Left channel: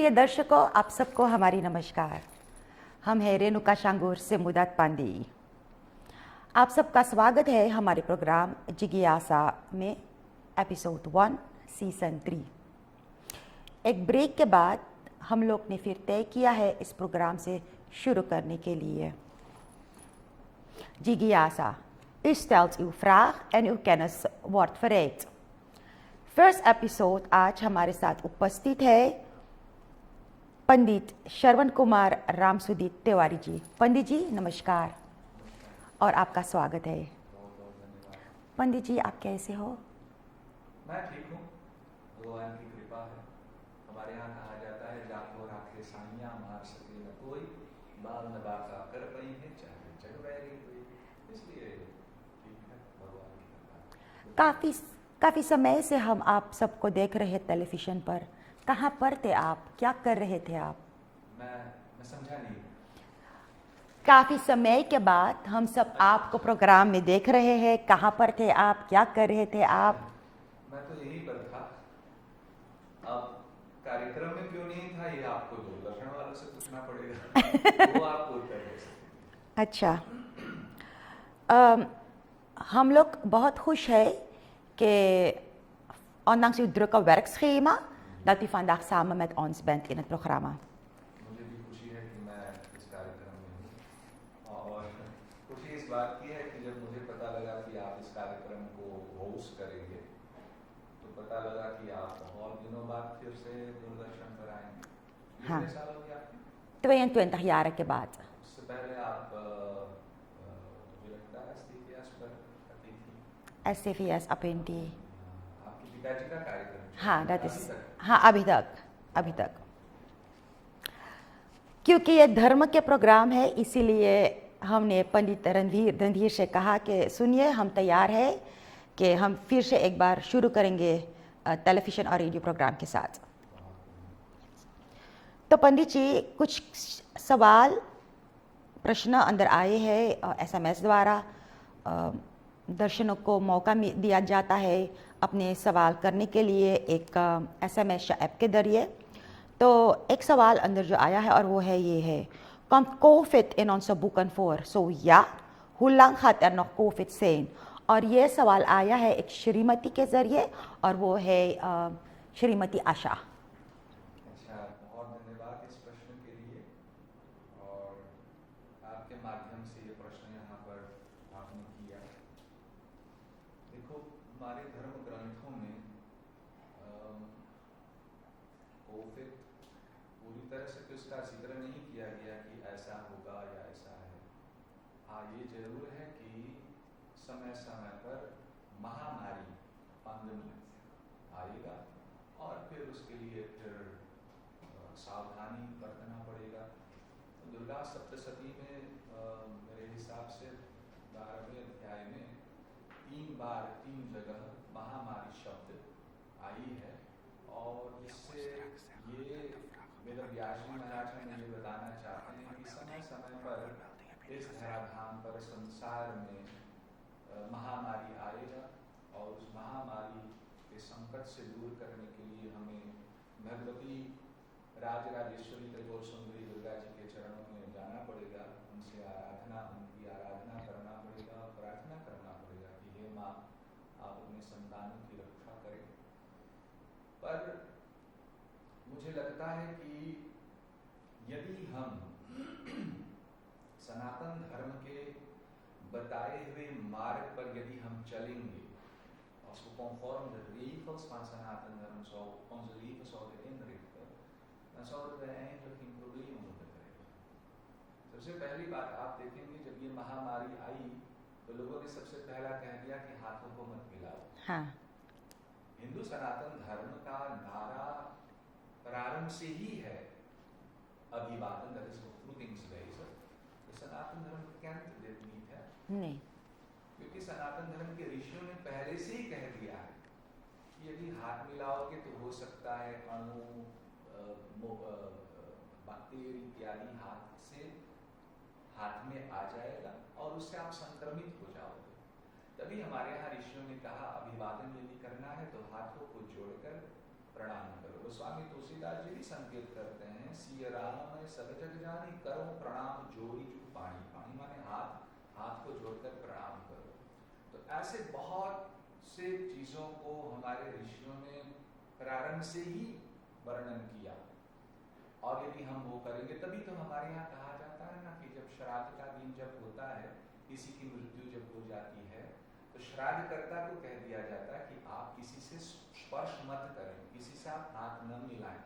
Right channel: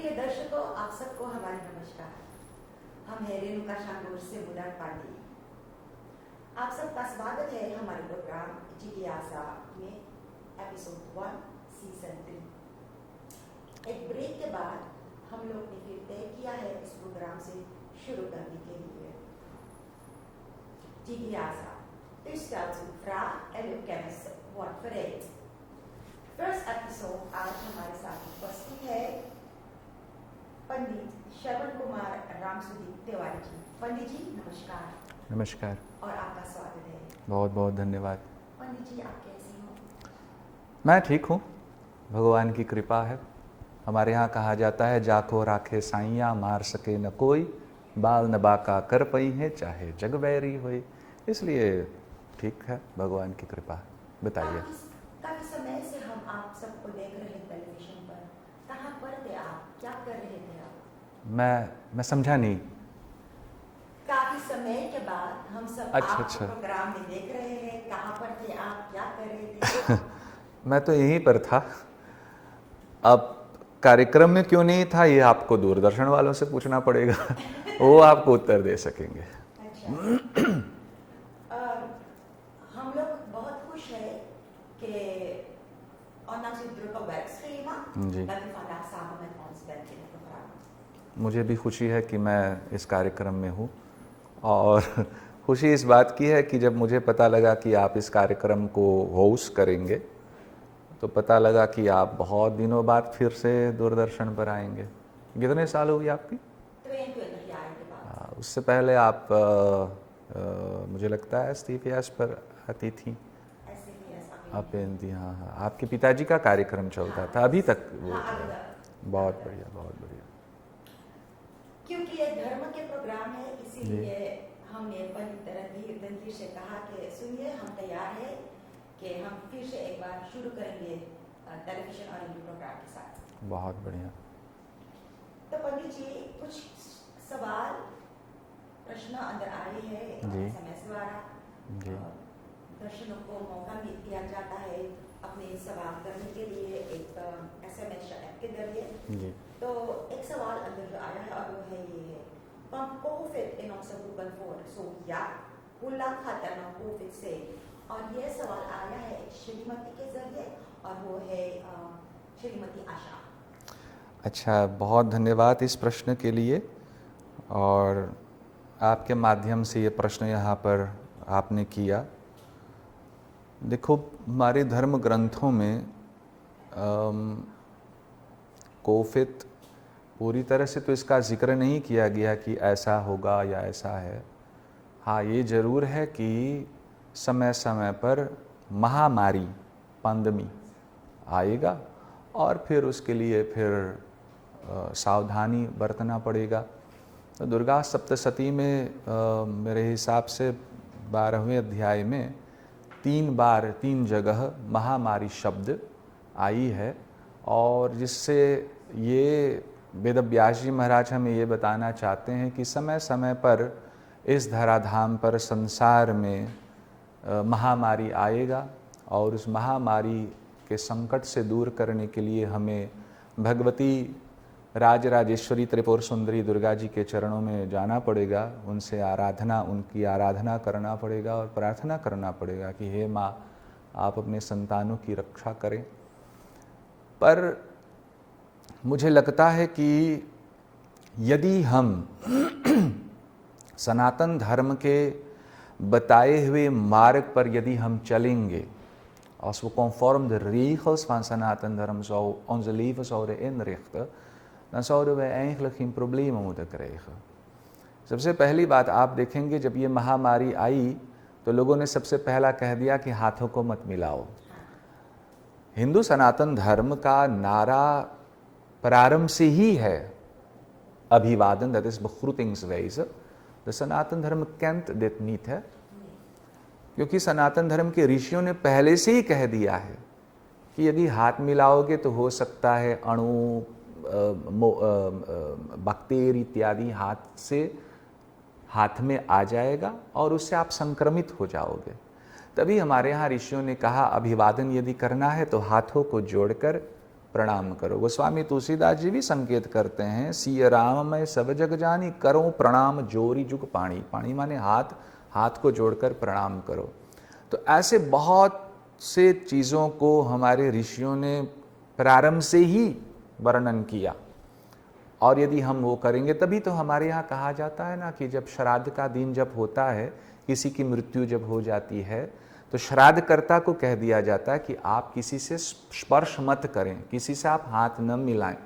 प्रिय दर्शकों, आप सबको हमारी नमस्कार। हम हैं रेणुका शांगुर से मुदात पांडी। आप सबका स्वागत है हमारे प्रोग्राम जिज्ञासा में एपिसोड 1 सीज़न 3। एक ब्रेक के बाद हम लोग ने फिर तय किया है इस प्रोग्राम से शुरू करने के लिए। Jigyasa, u stelt uw vraag en uw kennis wordt verrijkt. First episode आज हमारे साथ उपस्थित है पंडित श्रवण कुमार रामसुदीप तिवारी जी। पंडित जी नमस्कार। नमस्कार और आपका स्वागत है। बहुत बहुत धन्यवाद। पंडित जी आप कैसे हो? मैं ठीक हूँ, भगवान की कृपा है। हमारे यहाँ कहा जाता है जाको राखे साइया मार सके न कोई, बाल न बाका कर पई है चाहे जग बैरी होई। इसलिए ठीक है, भगवान की कृपा। बताइए। काफ़ी समय से हम आप सबको देख रहे हैं टेलीविज़न पर। कहाँ पर थे आप? क्या कर रहे थे आप? मैं समझा नहीं। काफ़ी समय के बाद हम सब आपको प्रोग्राम में देख रहे हैं। कहाँ पर थे आप? क्या कर रहे थे आप? मैं तो यहीं पर था। अब कार्यक्रम में क्यों नहीं था ये आपको दूरदर्शन वालों से पूछना पड़ेगा। वो आपको उत्तर दे सकेंगे। अच्छा। हम लोग बहुत खुश है कि ondanks uw drukke werkschema dat u vandaag samen met ons bent in het programma. मुझे भी खुशी है कि मैं इस कार्यक्रम में हूँ और खुशी इस बात की है कि जब मुझे पता लगा कि आप इस कार्यक्रम को होस्ट करेंगे तो पता लगा कि आप बहुत दिनों बाद फिर से दूरदर्शन पर आएंगे। कितने साल हुई आपकी? 22 jaar के बाद। उससे पहले आप मुझे लगता है STVS पर आती थी। STVS अपेंती। हाँ, आपके पिताजी का कार्यक्रम चलता था अभी तक? हाँ, अभी तक। बहुत बढ़िया। क्योंकि ये धर्म के प्रोग्राम है, इसीलिए हमने पंडित रणधीर से कहा कि सुनिए, हम तैयार हैं कि हम फिर से एक बार शुरू करेंगे टेलीविज़न और रेडियो प्रोग्राम के साथ। बहुत बढ़िया। तो पंडित जी, कुछ सवाल प्रश्न अंदर आए हैं SMS द्वारा। दर्शकों को मौका दिया जाता है अपने सवाल करने के लिए एक SMS या ऐप के जरिए। तो एक सवाल अंदर जो आया है और वो है ये है, komt COVID in onze boeken voor? Zo ja, hoe lang gaat er nog COVID zijn? और ये सवाल आया है एक श्रीमती के ज़रिए और वो है श्रीमती आशा। अच्छा, बहुत धन्यवाद इस प्रश्न के लिए। और आपके माध्यम से ये प्रश्न यहाँ पर आपने किया। देखो, हमारे धर्म ग्रंथों में कोविड पूरी तरह से तो इसका जिक्र नहीं किया गया कि ऐसा होगा या ऐसा है। हाँ, ये ज़रूर है कि समय समय पर महामारी पैंडेमी आएगा और फिर उसके लिए फिर सावधानी बरतना पड़ेगा। तो दुर्गा सप्तशती में मेरे हिसाब से 12वें अध्याय में 3 जगह महामारी शब्द आई है और जिससे ये वेदव्यास जी महाराज हमें ये बताना चाहते हैं कि समय समय पर इस धराधाम पर संसार में महामारी आएगा और उस महामारी के संकट से दूर करने के लिए हमें भगवती राजराजेश्वरी त्रिपुर सुंदरी दुर्गा जी के चरणों में जाना पड़ेगा। उनकी आराधना करना पड़ेगा और प्रार्थना करना पड़ेगा कि हे माँ, आप अपने संतानों की रक्षा करें। पर मुझे लगता है कि यदि हम सनातन धर्म के बताए हुए मार्ग पर यदि हम चलेंगे, als we conform de regels van Sanaten Dharm onze leven zouden inrichten, dan zouden wij eigenlijk geen problemen moeten krijgen। सबसे पहली बात आप देखेंगे, जब ये महामारी आई तो लोगों ने सबसे पहला कह दिया कि हाथों को मत मिलाओ। हाँ। हिंदू सनातन धर्म का नारा प्रारंभ से ही है अभिवादन, that is begroetingswijze। de सनातन धर्म kent dit niet है। नहीं। क्योंकि सनातन धर्म के ऋषियों ने पहले से ही कह दिया है कि यदि हाथ मिलाओगे तो हो सकता है अणु, बैक्टीरिया इत्यादि हाथ में आ जाएगा और उससे आप संक्रमित हो जाओगे। तभी हमारे यहाँ ऋषियों ने कहा अभिवादन यदि करना है तो हाथों को जोड़कर प्रणाम करो। गोस्वामी तुलसीदास जी भी संकेत करते हैं, सिय राम मैं सब जग जानी, करो प्रणाम जोरी जुग पाणी। पाणी माने हाथ, हाथ को जोड़कर प्रणाम करो। तो ऐसे बहुत से चीज़ों को हमारे ऋषियों ने प्रारंभ से ही वर्णन किया, और यदि हम वो करेंगे तभी तो हमारे यहाँ कहा जाता है ना कि जब श्राद्ध का दिन जब होता है, किसी की मृत्यु जब हो जाती है, तो श्राद्धकर्ता को कह दिया जाता है कि आप किसी से स्पर्श मत करें, किसी से आप हाथ न मिलाएं।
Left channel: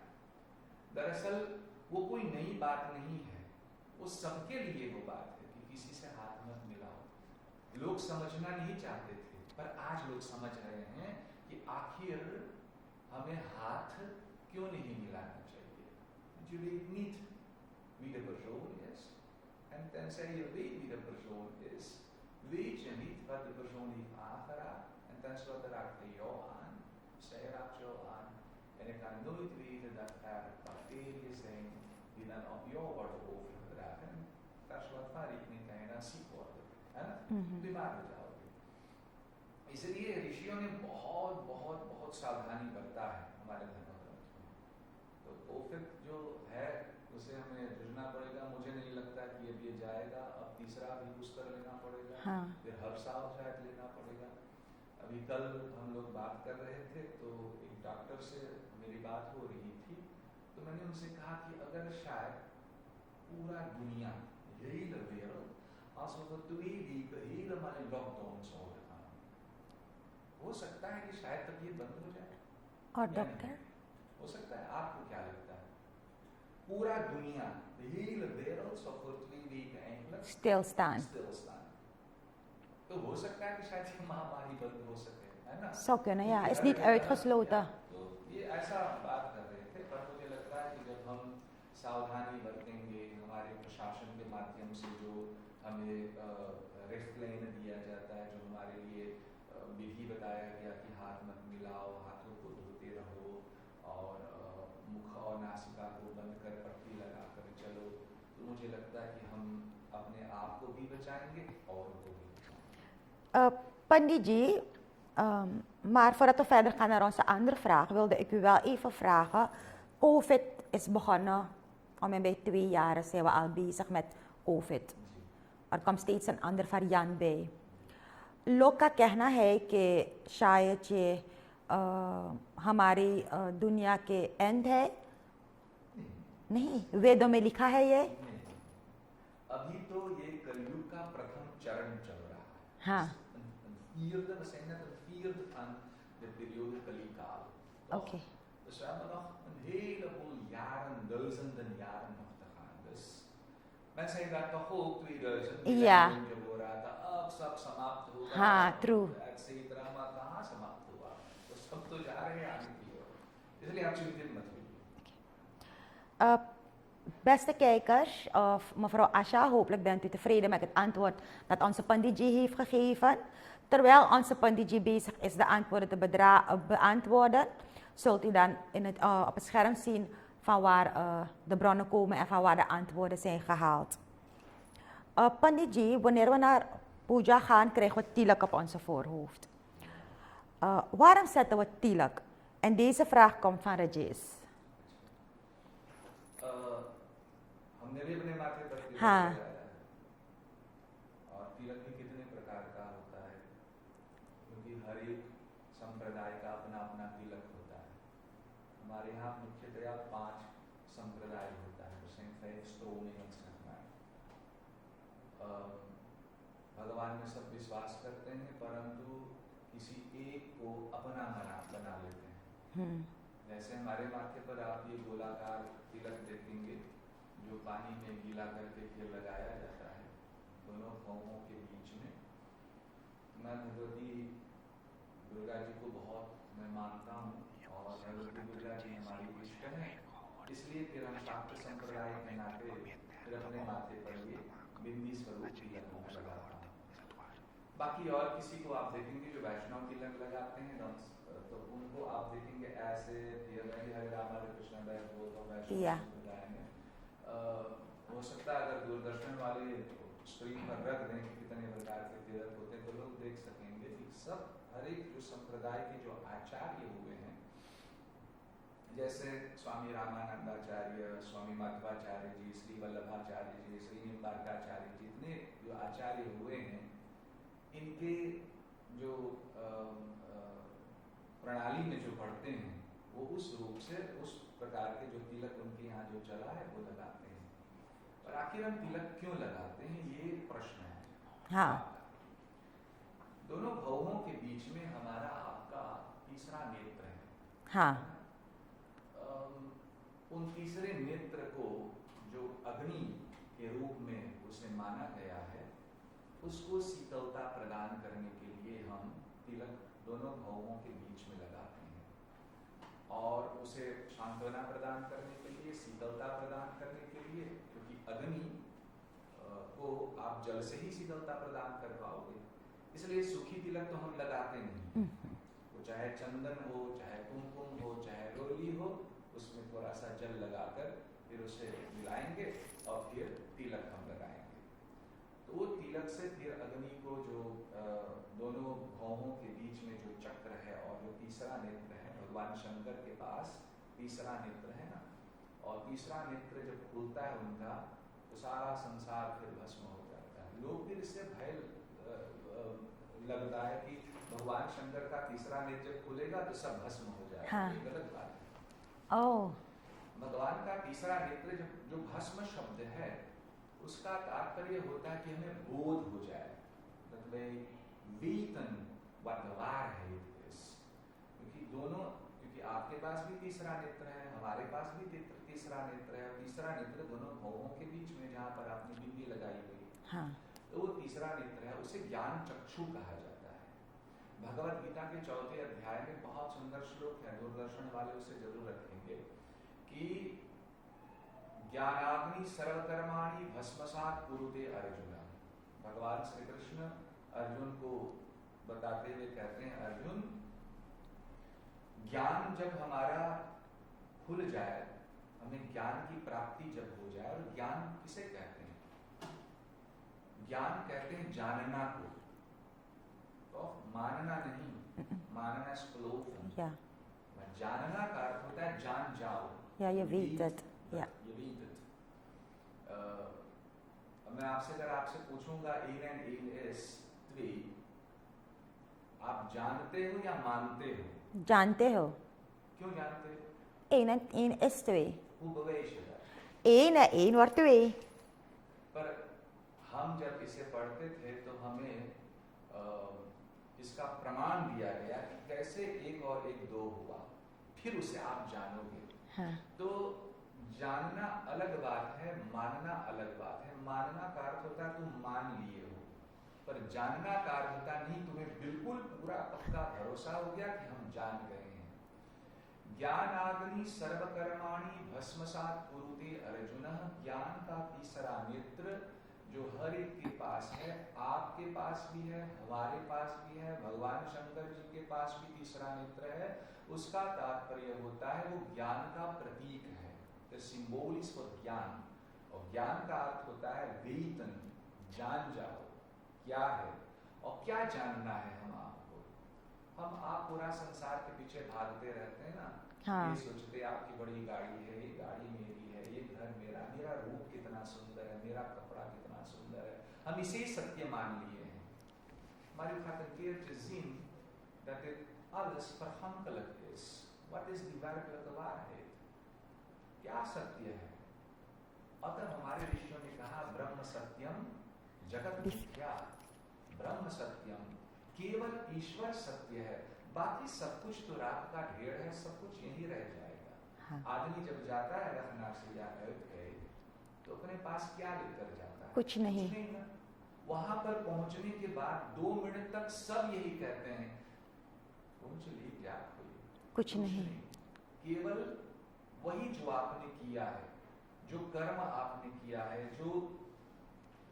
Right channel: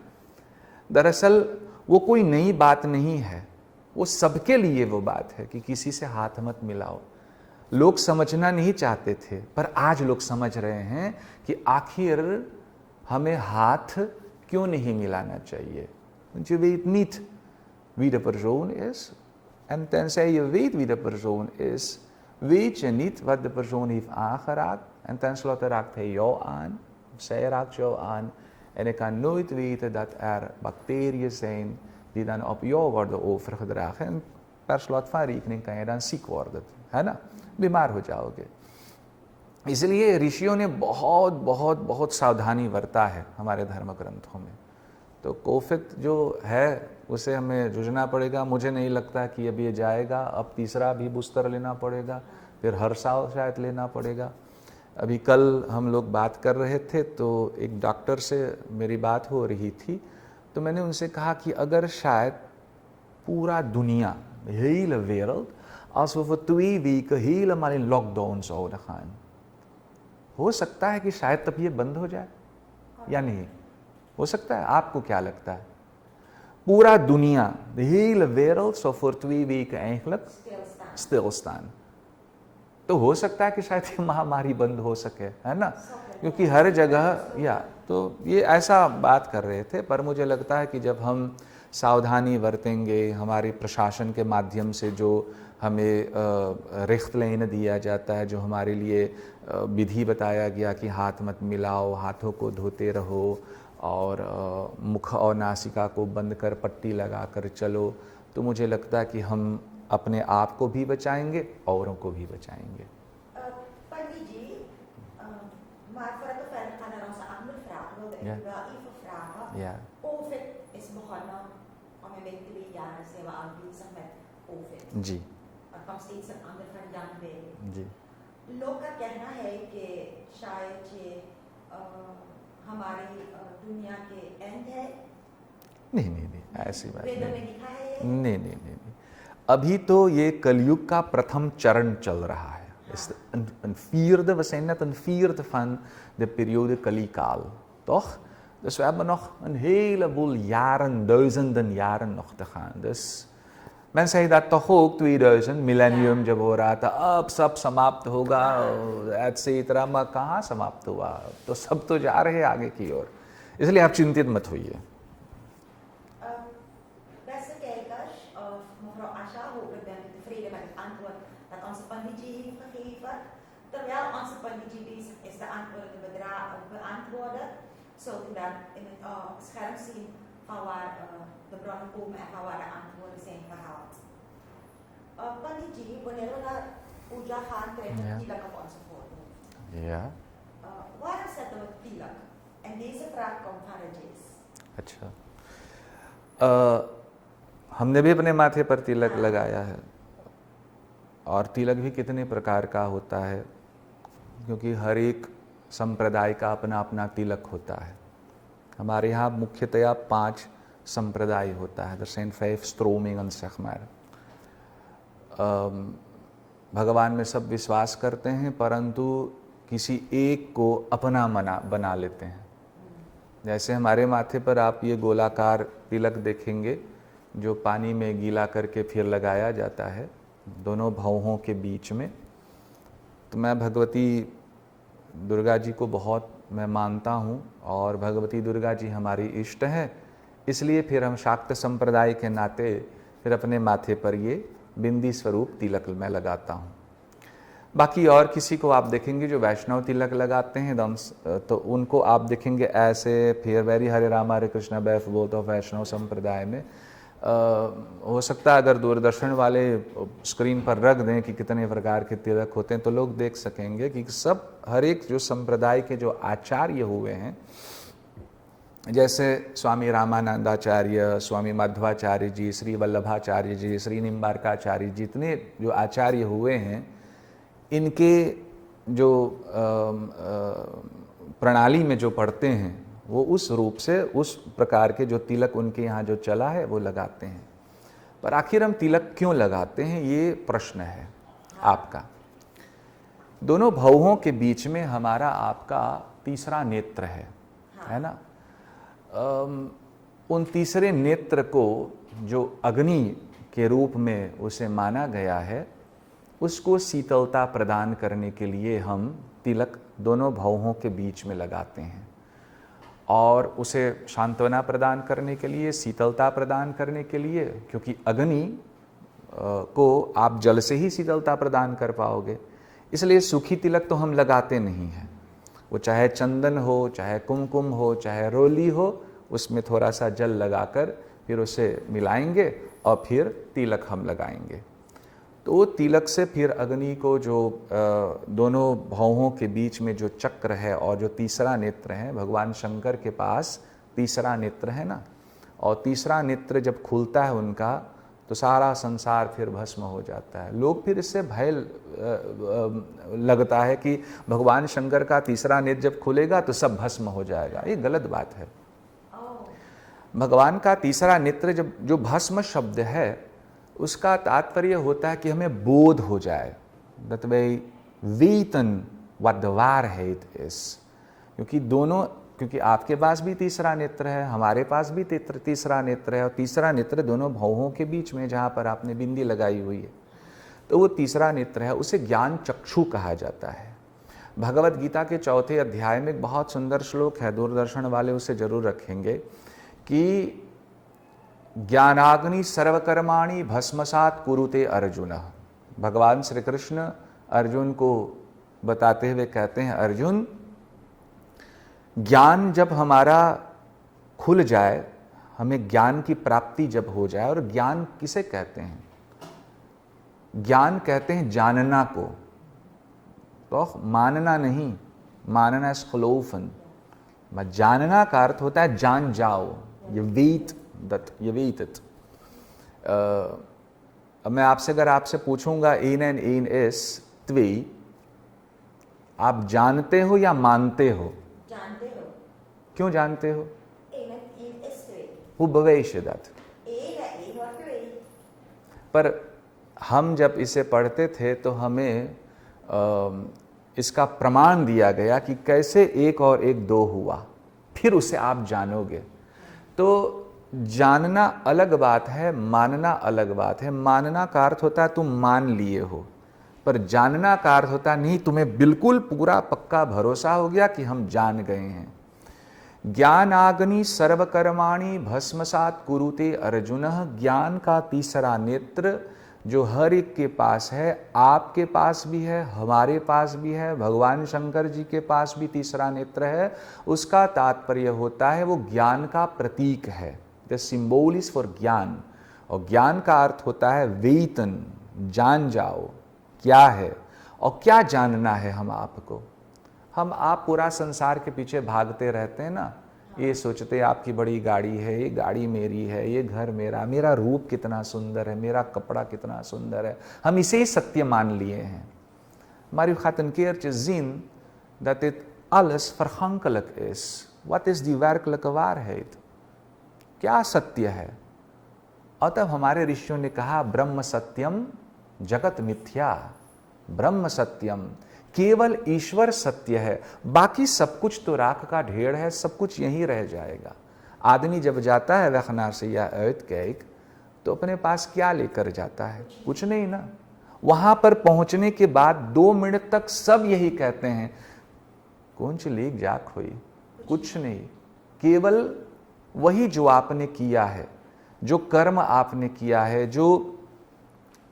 दरअसल वो कोई नई बात नहीं है, वो सबके लिए वो बात है कि किसी से हाथ मत मिलाओ। लोग समझना नहीं चाहते थे, पर आज लोग समझ रहे हैं कि आखिर हमें हाथ क्यों नहीं मिलाना चाहिए। Je weet niet wie de persoon is, en tenzij je weet wie de persoon is, weet je niet wat de persoon heeft aangeraakt, en tenslotte raakt hij jou aan, of zij raakt jou aan, en ik kan nooit weten dat er bacteriën zijn die dan op jou worden overgedragen, en per slot van rekening kan je dan ziek worden, है ना, बीमार हो जाओगे। इसलिए ऋषियों ने बहुत बहुत बहुत सावधानी बरता है हमारे धर्म ग्रंथों में। तो कोफित जो है उसे हमें जूझना पड़ेगा। मुझे नहीं लगता कि अब ये जाएगा, अब तीसरा भी बूस्टर लेना पड़ेगा, फिर हर साल शायद लेना पड़ेगा। अभी कल हम लोग बात कर रहे थे तो एक डॉक्टर से मेरी बात हो रही थी, तो मैंने उनसे कहा कि अगर शायद पूरा दुनिया, hele wereld, als we voor 2 weken helemaal in lockdown zouden gaan, हो सकता है कि शायद तब ये बंद हो जाए या नहीं, हो सकता है। आपको क्या लगता है? पूरा दुनिया, de hele wereld zou voor 2 weken eigenlijk stilstaan, तो हो सकता है कि शायद ये महामारी बंद हो सके, है ना, क्योंकि हर जगह या तो ये ऐसा बात कर रहे थे। पर मुझे लगता है कि जब हम सावधानी बरतेंगे, हमारे प्रशासन के माध्यम से जो हमें रिख्तलैन दिया जाता है, जो हमारे लिए विधि बताया गया कि हाथ मत मिलाओ, हाथों को धोते रहो, और मुख और नासिका को बंद कर पट्टी लगा कर चलो, तो मुझे लगता है कि हम अपने आप को भी बचाएंगे, औरों को भी बचाएंगे। Pandit ji, maar voordat we verder gaan naar onze andere vraag, wilde ik u wel even vragen. COVID is begonnen, bij 2 jaar zijn we al bezig met COVID. Ji, Er komt steeds een ander variant bij. जी, लोग का कहना है कि शायद ये हमारी दुनिया के एंड है। नहीं नहीं नहीं, ऐसी बात वेदों नहीं। में लिखा है ये। नहीं नहीं नहीं नहीं, अभी तो ये कलयुग का प्रथम चरण चल रहा है। Een vierde, we zijn net een vierde van de periode Kalikaal, toch? Dus we hebben nog een heleboel jaren, duizenden jaren nog te gaan. Dus men zei dat toch ook 2000, millennium जब हो रहा था, अब सब समाप्त होगा, etcetera, maar कहाँ समाप्त हुआ? तो सब तो जा रहे हैं आगे की ओर, इसलिए आप चिंतित मत होइए। Beste kijkers, mevrouw Asha, hopelijk bent u tevreden met het antwoord dat onze Panditji heeft gegeven. Terwijl onze Panditji bezig is de antwoorden te beantwoorden, zult u dan op het scherm zien van waar de bronnen komen en van waar de antwoorden zijn gehaald. Panditji, wanneer we naar puja gaan, krijgen we tilak op onze voorhoofd. Ja. Waarom zetten we tilak? En deze vraag komt van Rajesh. अच्छा, हमने भी अपने माथे पर तिलक लगाया है, और तिलक भी कितने प्रकार का होता है, क्योंकि हर एक संप्रदाय का अपना अपना तिलक होता है। हमारे यहाँ मुख्यतया 5 संप्रदाय होता है, er zijn 5 stromingen zeg maar। भगवान में सब विश्वास करते हैं, परंतु किसी एक को अपना बना लेते हैं। जैसे हमारे माथे पर आप ये गोलाकार तिलक देखेंगे, जो पानी में गीला करके फिर लगाया जाता है दोनों भौहों के बीच में। तो मैं भगवती दुर्गा जी को बहुत मैं मानता हूँ, और भगवती दुर्गा जी हमारी इष्ट हैं, इसलिए फिर हम शाक्त संप्रदाय के नाते फिर अपने माथे पर ये बिंदी स्वरूप तिलक मैं लगाता हूँ। बाकी और किसी को आप देखेंगे जो वैष्णव तिलक लगाते हैं, तो उनको आप देखेंगे ऐसे, फिर वेरी हरे राम हरे कृष्णा बैफ बोथ ऑफ वैष्णव संप्रदाय में। हो सकता है अगर दूरदर्शन वाले स्क्रीन पर रख दें कि कितने प्रकार के तिलक होते हैं, तो लोग देख सकेंगे कि सब हर एक जो संप्रदाय के जो आचार्य हुए हैं, जैसे स्वामी रामानंदाचार्य, स्वामी माधवाचार्य जी, श्री वल्लभाचार्य जी, श्री निम्बारकाचार्य जी, जितने जो आचार्य हुए हैं, इनके जो प्रणाली में जो पढ़ते हैं वो उस रूप से, उस प्रकार के जो तिलक उनके यहाँ जो चला है वो लगाते हैं। पर आखिर हम तिलक क्यों लगाते हैं, ये प्रश्न है आपका। दोनों भौहों के बीच में हमारा आपका तीसरा नेत्र है ना। उन तीसरे नेत्र को जो अग्नि के रूप में उसे माना गया है, उसको शीतलता प्रदान करने के लिए हम तिलक दोनों भौहों के बीच में लगाते हैं, और उसे सांत्वना प्रदान करने के लिए, शीतलता प्रदान करने के लिए, क्योंकि अग्नि को आप जल से ही शीतलता प्रदान कर पाओगे, इसलिए सूखी तिलक तो हम लगाते नहीं हैं। वो चाहे चंदन हो, चाहे कुमकुम हो, चाहे रोली हो, उसमें थोड़ा सा जल लगाकर फिर उसे मिलाएंगे और फिर तिलक हम लगाएंगे। तो तिलक से फिर अग्नि को जो दोनों भौहों के बीच में जो चक्र है और जो तीसरा नेत्र है, भगवान शंकर के पास तीसरा नेत्र है ना, और तीसरा नेत्र जब खुलता है उनका, तो सारा संसार फिर भस्म हो जाता है। लोग फिर इससे भय लगता है कि भगवान शंकर का तीसरा नेत्र जब खुलेगा तो सब भस्म हो जाएगा। ये गलत बात है। भगवान का तीसरा नेत्र जब, जो भस्म शब्द है, उसका तात्पर्य होता है कि हमें बोध हो जाए, that we weten what the वारheit is। क्योंकि आपके पास भी तीसरा नेत्र है, हमारे पास भी तीसरा नेत्र है, और तीसरा नेत्र दोनों भौहों के बीच में जहाँ पर आपने बिंदी लगाई हुई है, तो वो तीसरा नेत्र है, उसे ज्ञान चक्षु कहा जाता है। भगवत गीता के 4थे अध्याय में एक बहुत सुंदर श्लोक है, दूरदर्शन वाले उसे जरूर रखेंगे, कि ज्ञानाग्नि सर्वकर्माणि भस्मसात कुरुते अर्जुन। भगवान श्री कृष्ण अर्जुन को बताते हुए कहते हैं, अर्जुन, ज्ञान जब हमारा खुल जाए, हमें ज्ञान की प्राप्ति जब हो जाए, और ज्ञान किसे कहते हैं? ज्ञान कहते हैं जानना को, तो मानना नहीं, मानना इस खलोफन। जानना का अर्थ होता है जान जाओ, ये वेत। मैं आपसे अगर आपसे पूछूंगा एन एन एन एस त्वे, आप जानते हो या मानते हो? जानते हो। क्यों जानते हो? एन एस त्वे। Hoe bewijs je dat? één wordt twee। पर हम जब इसे पढ़ते थे तो हमें इसका प्रमाण दिया गया कि कैसे 1 और 1 2 हुआ, फिर उसे आप जानोगे। तो जानना अलग बात है, मानना अलग बात है। मानना का अर्थ होता है तुम मान लिए हो, पर जानना का अर्थ होता नहीं, तुम्हें बिल्कुल पूरा पक्का भरोसा हो गया कि हम जान गए हैं। ज्ञानाग्नि सर्वकर्माणि भस्मसात कुरुते अर्जुन। ज्ञान का तीसरा नेत्र जो हर एक के पास है, आपके पास भी है, हमारे पास भी है, भगवान शंकर जी के पास भी तीसरा नेत्र है। उसका तात्पर्य होता है वो ज्ञान का प्रतीक है, द सिंबल इज फॉर ज्ञान। और ज्ञान का अर्थ होता है वेतन, जान जाओ क्या है और क्या जानना है हम आपको। हम आप पूरा संसार के पीछे भागते रहते हैं ना। ये सोचते आपकी बड़ी गाड़ी है, ये गाड़ी मेरी है, ये घर मेरा, मेरा रूप कितना सुंदर है, मेरा कपड़ा कितना सुंदर है, हम इसे ही सत्य मान लिए हैं। Maar u gaat een keertje zien dat dit alles vergankelijk is. Wat is die werkelijke waarheid? क्या सत्य है? अतः हमारे ऋषियों ने कहा ब्रह्म सत्यम जगत मिथ्या। ब्रह्म सत्यम, केवल ईश्वर सत्य है, बाकी सब कुछ तो राख का ढेर है, सब कुछ यहीं रह जाएगा। आदमी जब जाता है वखनार से या कैक, तो अपने पास क्या लेकर जाता है? कुछ नहीं ना। वहां पर पहुंचने के बाद 2 मिनट तक सब यही कहते हैं, कौन सी लेक जाक हुई, कुछ नहीं। केवल वही जो आपने किया है, जो कर्म आपने किया है, जो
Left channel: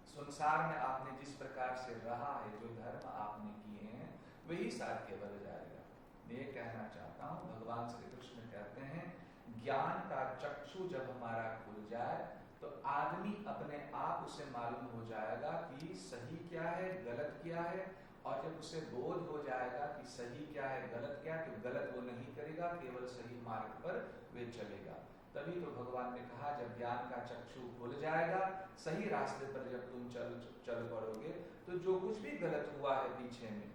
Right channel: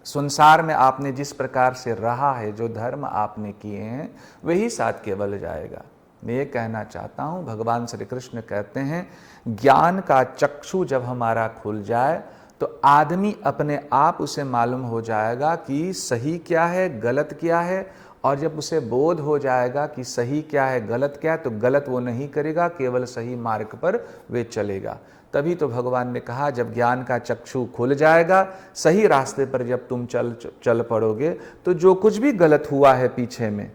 संसार में आपने जिस प्रकार से रहा है, जो धर्म आपने किए हैं, वही साथ केवल जाएगा। मैं ये कहना चाहता हूँ, भगवान श्री कृष्ण कहते हैं ज्ञान का चक्षु जब हमारा खुल जाए तो आदमी अपने आप उसे मालूम हो जाएगा कि सही क्या है, गलत क्या है, और जब उसे बोध हो जाएगा कि सही क्या है गलत क्या है, तो गलत वो नहीं करेगा, केवल सही मार्ग पर वे चलेगा। तभी तो भगवान ने कहा जब ज्ञान का चक्षु खुल जाएगा, सही रास्ते पर जब तुम चल पड़ोगे, तो जो कुछ भी गलत हुआ है पीछे में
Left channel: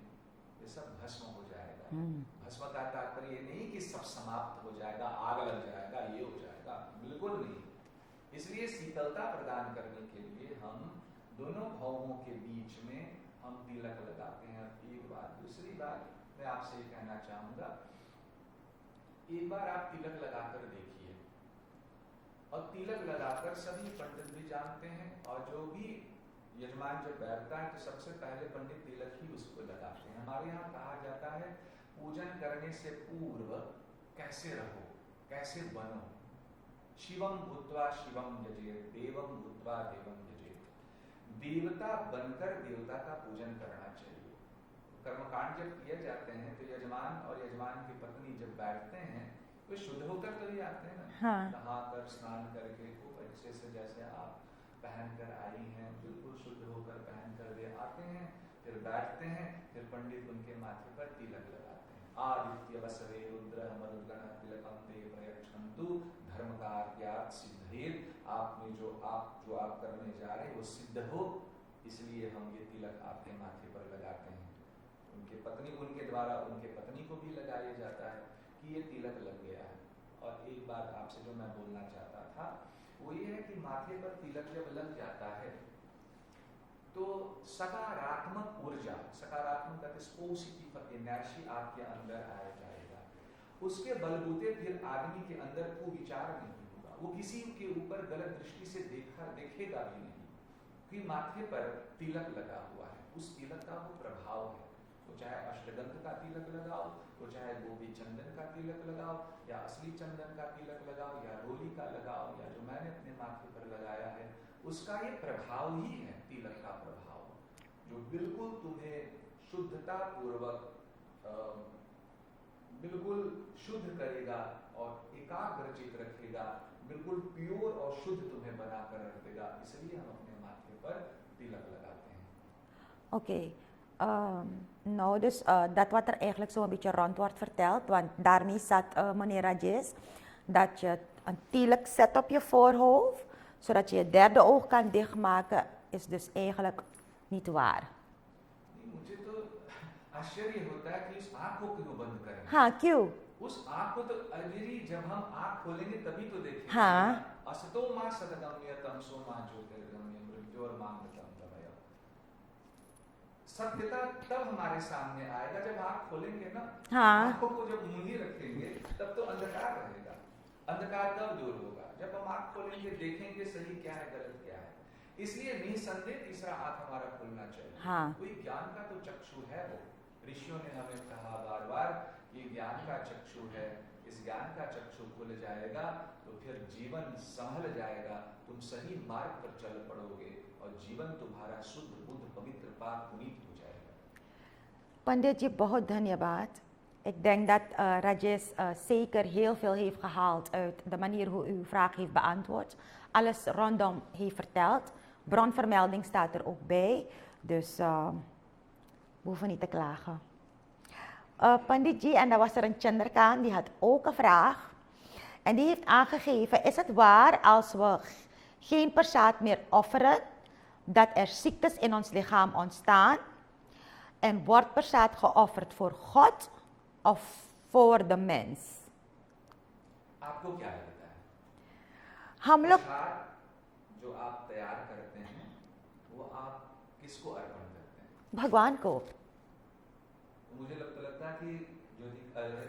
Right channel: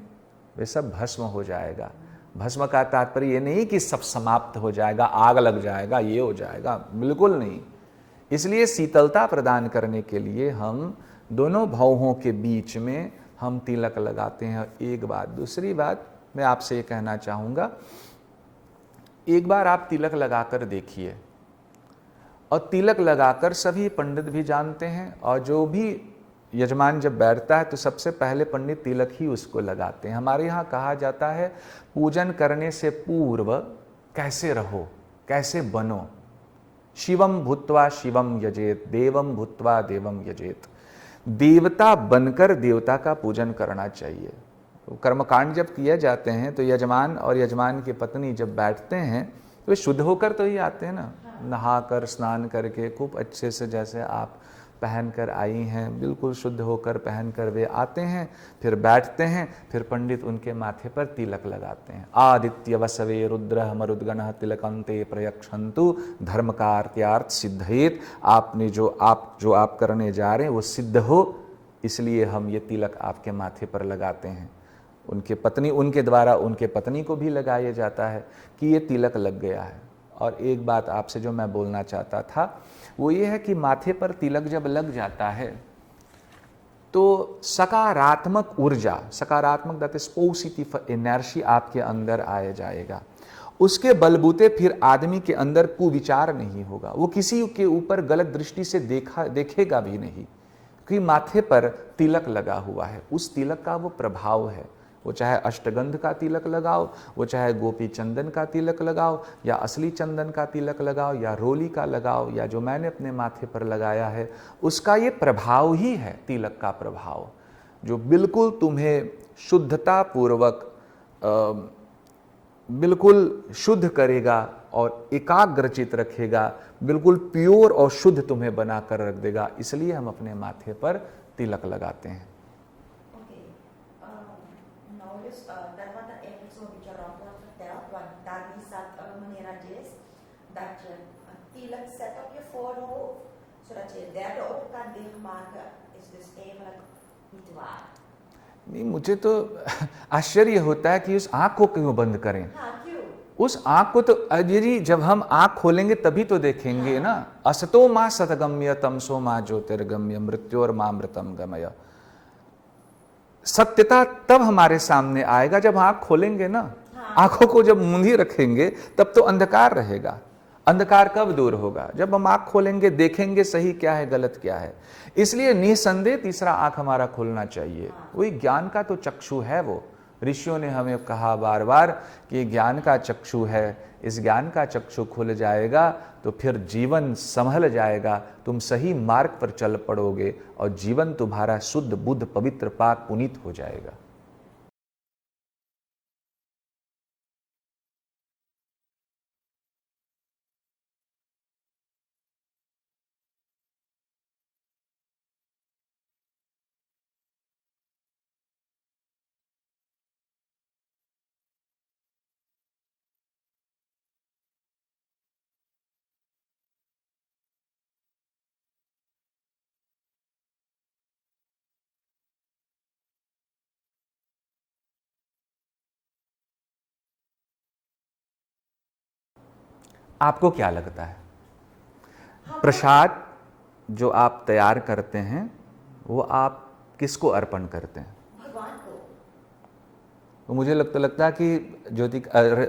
वे सब भस्म हो जाएगा। भस्म का तात्पर्य ये नहीं कि सब समाप्त हो जाएगा, आग लग जाएगा, ये हो जाएगा, बिल्कुल नहीं। इसलिए शीतलता प्रदान करने के लिए हम दोनों भावों के बीच में हम तिलक लगाते हैं। एक बात, दूसरी बात मैं आपसे ये कहना चाहूँगा, एक बार आप तिलक लगाकर देखिए, और तिलक लगाकर सभी पंडित भी जानते हैं, और जो भी यजमान जब बैठता है तो सबसे पहले पंडित तिलक ही उसको लगाते हैं। हमारे यहाँ कहा जाता है पूजन करने से पूर्व कैसे रहो, कैसे बनो। शिवम भूत्वा शिवम यजेत, देवम भूत्वा देवम यजेत। देवता बनकर देवता का पूजन करना चाहिए। तो कर्मकांड जब किए जाते हैं तो यजमान और यजमान की पत्नी जब बैठते हैं तो वे शुद्ध होकर तो ही आते हैं ना। हाँ। नहाकर स्नान करके खूब अच्छे से, जैसे आप पहन कर आई हैं, बिल्कुल शुद्ध होकर पहन कर वे आते हैं, फिर बैठते हैं, फिर पंडित उनके माथे पर तिलक लगाते हैं। आदित्य वसवे रुद्र मरुद्गण तिलकंते प्रयक्षन्तु धर्म कार्यार्थ सिद्धेत। आपने जो आप करने जा रहे हैं वो सिद्ध हो, इसलिए हम ये तिलक आपके माथे पर लगाते हैं। उनके द्वारा उनके पत्नी को भी लगाया जाता है कि ये तिलक लग गया है। और एक बात आपसे जो मैं बोलना चाहता था वो ये है कि माथे पर तिलक जब लग जाता है तो सकारात्मक ऊर्जा, सकारात्मक दैट इज पॉजिटिव एनर्जी आपके अंदर आया जाएगा। उसके बलबूते फिर आदमी के अंदर कुविचार नहीं होगा, वो किसी के ऊपर गलत दृष्टि से देखेगा भी नहीं, क्योंकि माथे पर तिलक लगा हुआ है। उस तिलक का वो प्रभाव है। वो चाहे अष्टगंध का तिलक लगाओ, वो चाहे गोपी चंदन का तिलक लगाओ, या असली चंदन का तिलक लगाओ, या रोली का लगाओ, या जो मैंने अपने माथे पर लगाया है, उसका ये प्रभाव ही है, तिलक का प्रभाव, जो बिल्कुल तुम्हें शुद्धता पूर्वक बिल्कुल शुद्ध करेगा और एकाग्रचित रखेगा, बिल्कुल प्योर और शुद्ध तुम्हें बनाकर रख देगा। इसलिए हम अपने माथे पर तिलक लगाते हैं। Oké. Nou, dus dat wat er eigenlijk zo een beetje rond wordt verteld, want daarmee zat meneer Rajesh, dat je een tielek zet op je voorhoofd, zodat je derde oog kan dichtmaken, is dus eigenlijk niet waar. नहीं, मुझे तो आश्चर्य होता है कि उस आँख को क्यों बंद करें। हाँ, क्यों? उस आँख को तो अजय जब हम आँख खोलेंगे तभी तो देखेंगे। हाँ। ना, असतो माँ सतगम्य तमसो माँ ज्योतिर्गम्य मृत्योर माँ मृतम गमय। सत्यता तब हमारे सामने आएगा जब आँख खोलेंगे ना। हाँ। आँखों को जब मूंदी रखेंगे तब तो अंधकार रहेगा। अंधकार कब दूर होगा? जब हम आँख खोलेंगे, देखेंगे सही क्या है गलत क्या है। इसलिए निसंदेह तीसरा आँख हमारा खुलना चाहिए। हाँ। वही ज्ञान का तो चक्षु है। वो ऋषियों ने हमें कहा बार बार कि ज्ञान का चक्षु है, इस ज्ञान का चक्षु खुल जाएगा तो फिर जीवन संभल जाएगा, तुम सही मार्ग पर चल पड़ोगे और जीवन तुम्हारा शुद्ध बुद्ध पवित्र पाक पुनीत हो जाएगा। Pandit ji, बहुत धन्यवाद. Ik denk dat Rajesh zeker heel veel heeft gehaald uit de manier hoe u uw vraag heeft beantwoord. Alles rondom heeft verteld. Bronvermelding staat er ook bij. Dus we hoeven niet te klagen. Pandit ji, en dan was er een Chandrakant, die had ook een vraag. En die heeft aangegeven, is het waar als we geen prasad meer offeren, dat er ziektes in ons lichaam ontstaan? En wordt prasad geofferd voor God of voor de mens? आपको क्या लगता है? हम लोग प्रसाद जो आप तैयार करते हैं वो आप किसको अर्पण करते हैं? भगवान को. तो मुझे लगता है कि ज्योति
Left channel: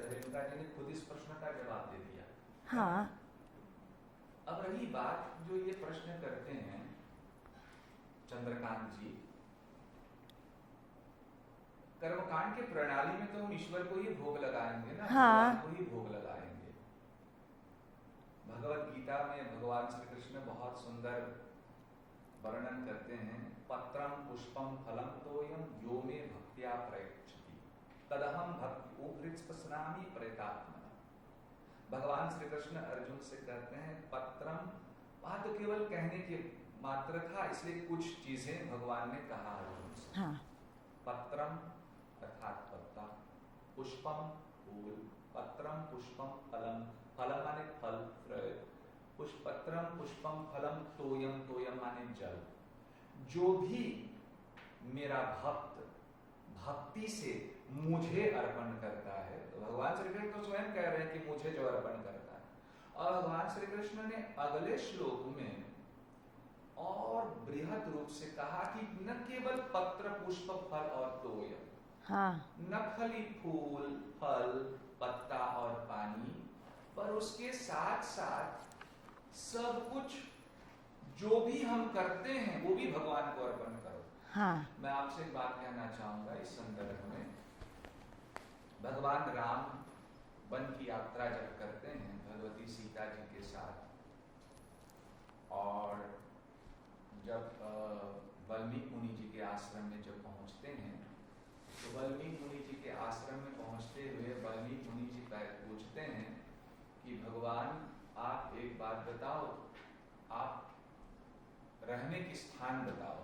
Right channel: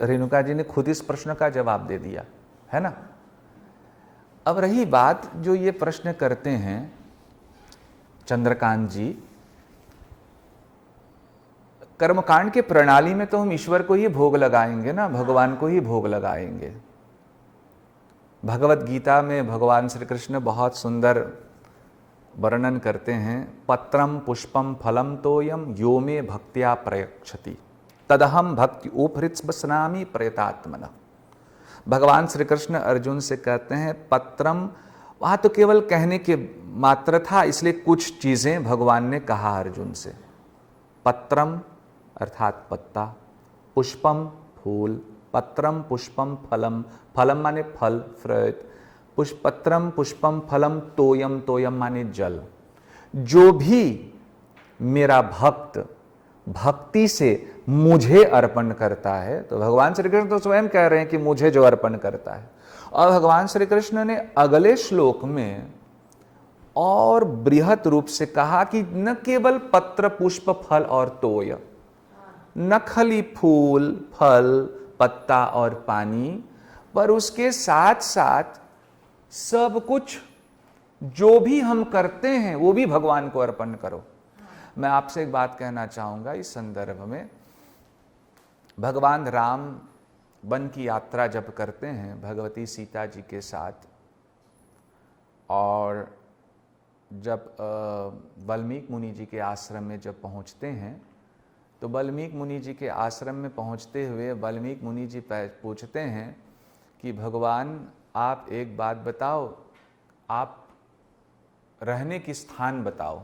रेणुका जी ने खुद इस प्रश्न का जवाब दे दिया है ना। अब रही बात जो ये प्रश्न करते हैं चंद्रकांत जी, कर्मकांड के प्रणाली में तो हम ईश्वर को ही भोग लगाएंगे ना, भगवान को ही भोग लगाएंगे। भगवत गीता में भगवान श्री कृष्ण बहुत सुंदर वर्णन करते हैं, पत्रम पुष्पम फलम तोयम यो मे भक्त्या प्रयक्षति तदहम भक्ति उपहृत्स्नामी प्रयतात्मना। भगवान श्री कृष्ण अर्जुन से कहते हैं पत्रम, वहां तो केवल कहने के मात्र था, इसलिए कुछ चीजें भगवान ने कहा अर्जुन से। पत्रम अर्थात पत्ता, पुष्पम फूल, पत्रम पुष्पम फलम, फलम माने फल फ्रूट, पत्रम पुष्पम फलम तोयम, तोयम माने जल। जो भी मेरा भक्त भक्ति से मुझे अर्पण करता है, तो भगवान श्री कृष्ण तो स्वयं कह रहे हैं कि मुझे जो अर्पण करता है। और भगवान श्री कृष्ण ने अगले श्लोक में और बृहत रूप से कहा कि न केवल पत्र पुष्प फल और तोय, न खाली फूल फल पत्ता और पानी, पर उसके साथ साथ सब कुछ जो भी हम करते हैं वो भी भगवान को अर्पण करो। मैं आपसे एक बात कहना चाहूंगा इस संदर्भ में। भगवान राम वन की यात्रा जब करते हैं भगवती सीता जी के साथ, और जब वाल्मीकि मुनि जी के आश्रम में जब पहुंचते हैं, तो वाल्मीकि मुनि जी के आश्रम में पहुंचते हुए वाल्मीकि मुनि जी पूछते हैं कि भगवान आप एक बात बताओ, आप रहने की स्थान बताओ,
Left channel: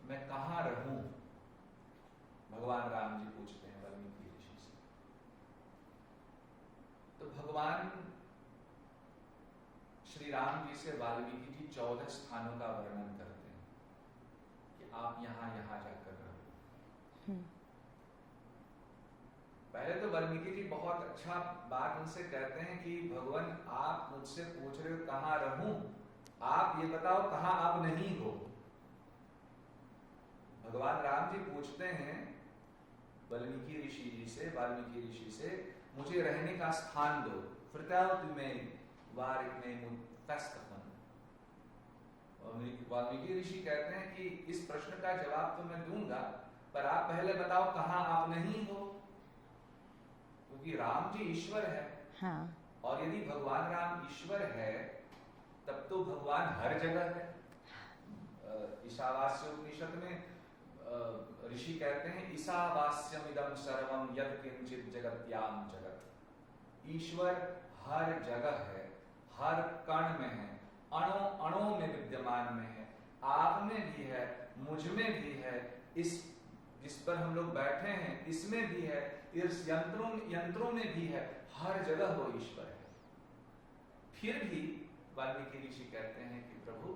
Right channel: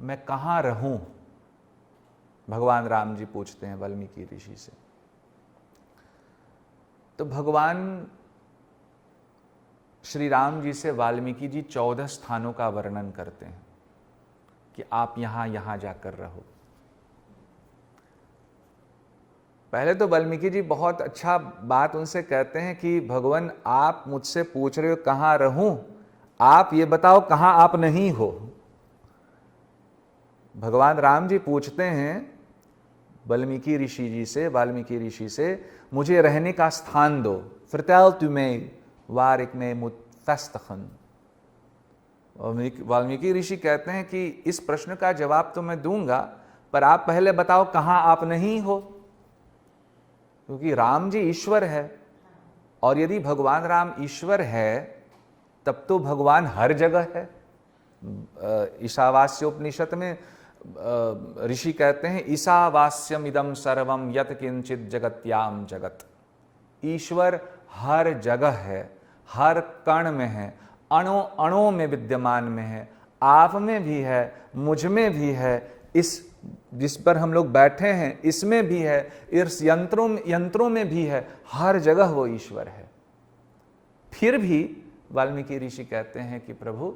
मैं कहाँ रहूं। भगवान राम जी पूछते हैं वाल्मीकि ऋषि से। तो भगवान श्री राम जी से वाल्मीकि जी 14 स्थानों का वर्णन करते हैं कि आप यहां यहां जाकर रहो। पहले तो वाल्मीकि जी बहुत अच्छा बात उनसे कहते हैं कि भगवान आप मुझसे पूछ रहे हो कहां रहूं, आप ये बताओ कहां आप नहीं हो। भगवान राम जी पूछते हैं वाल्मीकि ऋषि से मुझे रहने का स्थान दो। Vertel u mij waar ik mee moet vestigen। Valmiki ऋषि कहते हैं कि इस प्रश्न का जवाब तो मैं दूंगा, पर आप पहले बताओ कहां आप नहीं हो, क्योंकि राम जी ईश्वर है। और यदि भगवान राम ईश्वर है तब तो भगवान हर जगह है। ईशावास्योपनिषद में ऋषि कहते हैं ईशावास्यम इदम सर्वम यत किंचित जगत्याम जगत। ईश्वर हर जगह है, हर कण में है, अणु अणु में विद्यमान में है, आप में भी है, मुझ में भी है, इस जिस पर हम लोग बैठे हैं इसमें भी है, इस यंत्रों में भी है, हर जगह वो ईश्वर है। फिर भी वाल्मीकि ऋषि कहते हैं कि प्रभु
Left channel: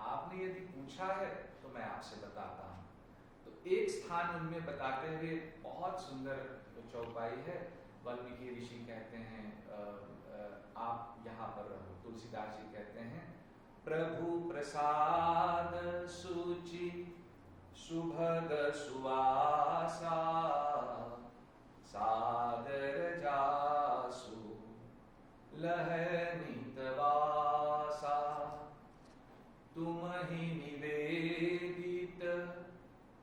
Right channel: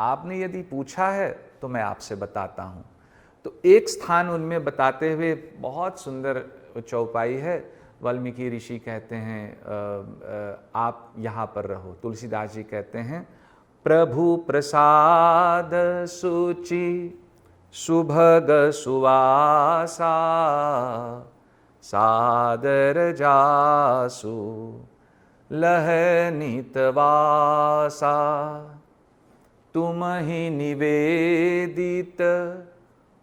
आपने यदि पूछा है तो मैं आपसे बताता हूं। तो एक स्थान उनमें बताते हुए बहुत सुंदर चौपाई है। वाल्मीकि ऋषि कहते हैं आप यहां पर रहो। तुलसीदास जी कहते हैं प्रभु प्रसाद सुचि सुभग सुवासा सादर जासु लह नितवासा तुम ही निवेदित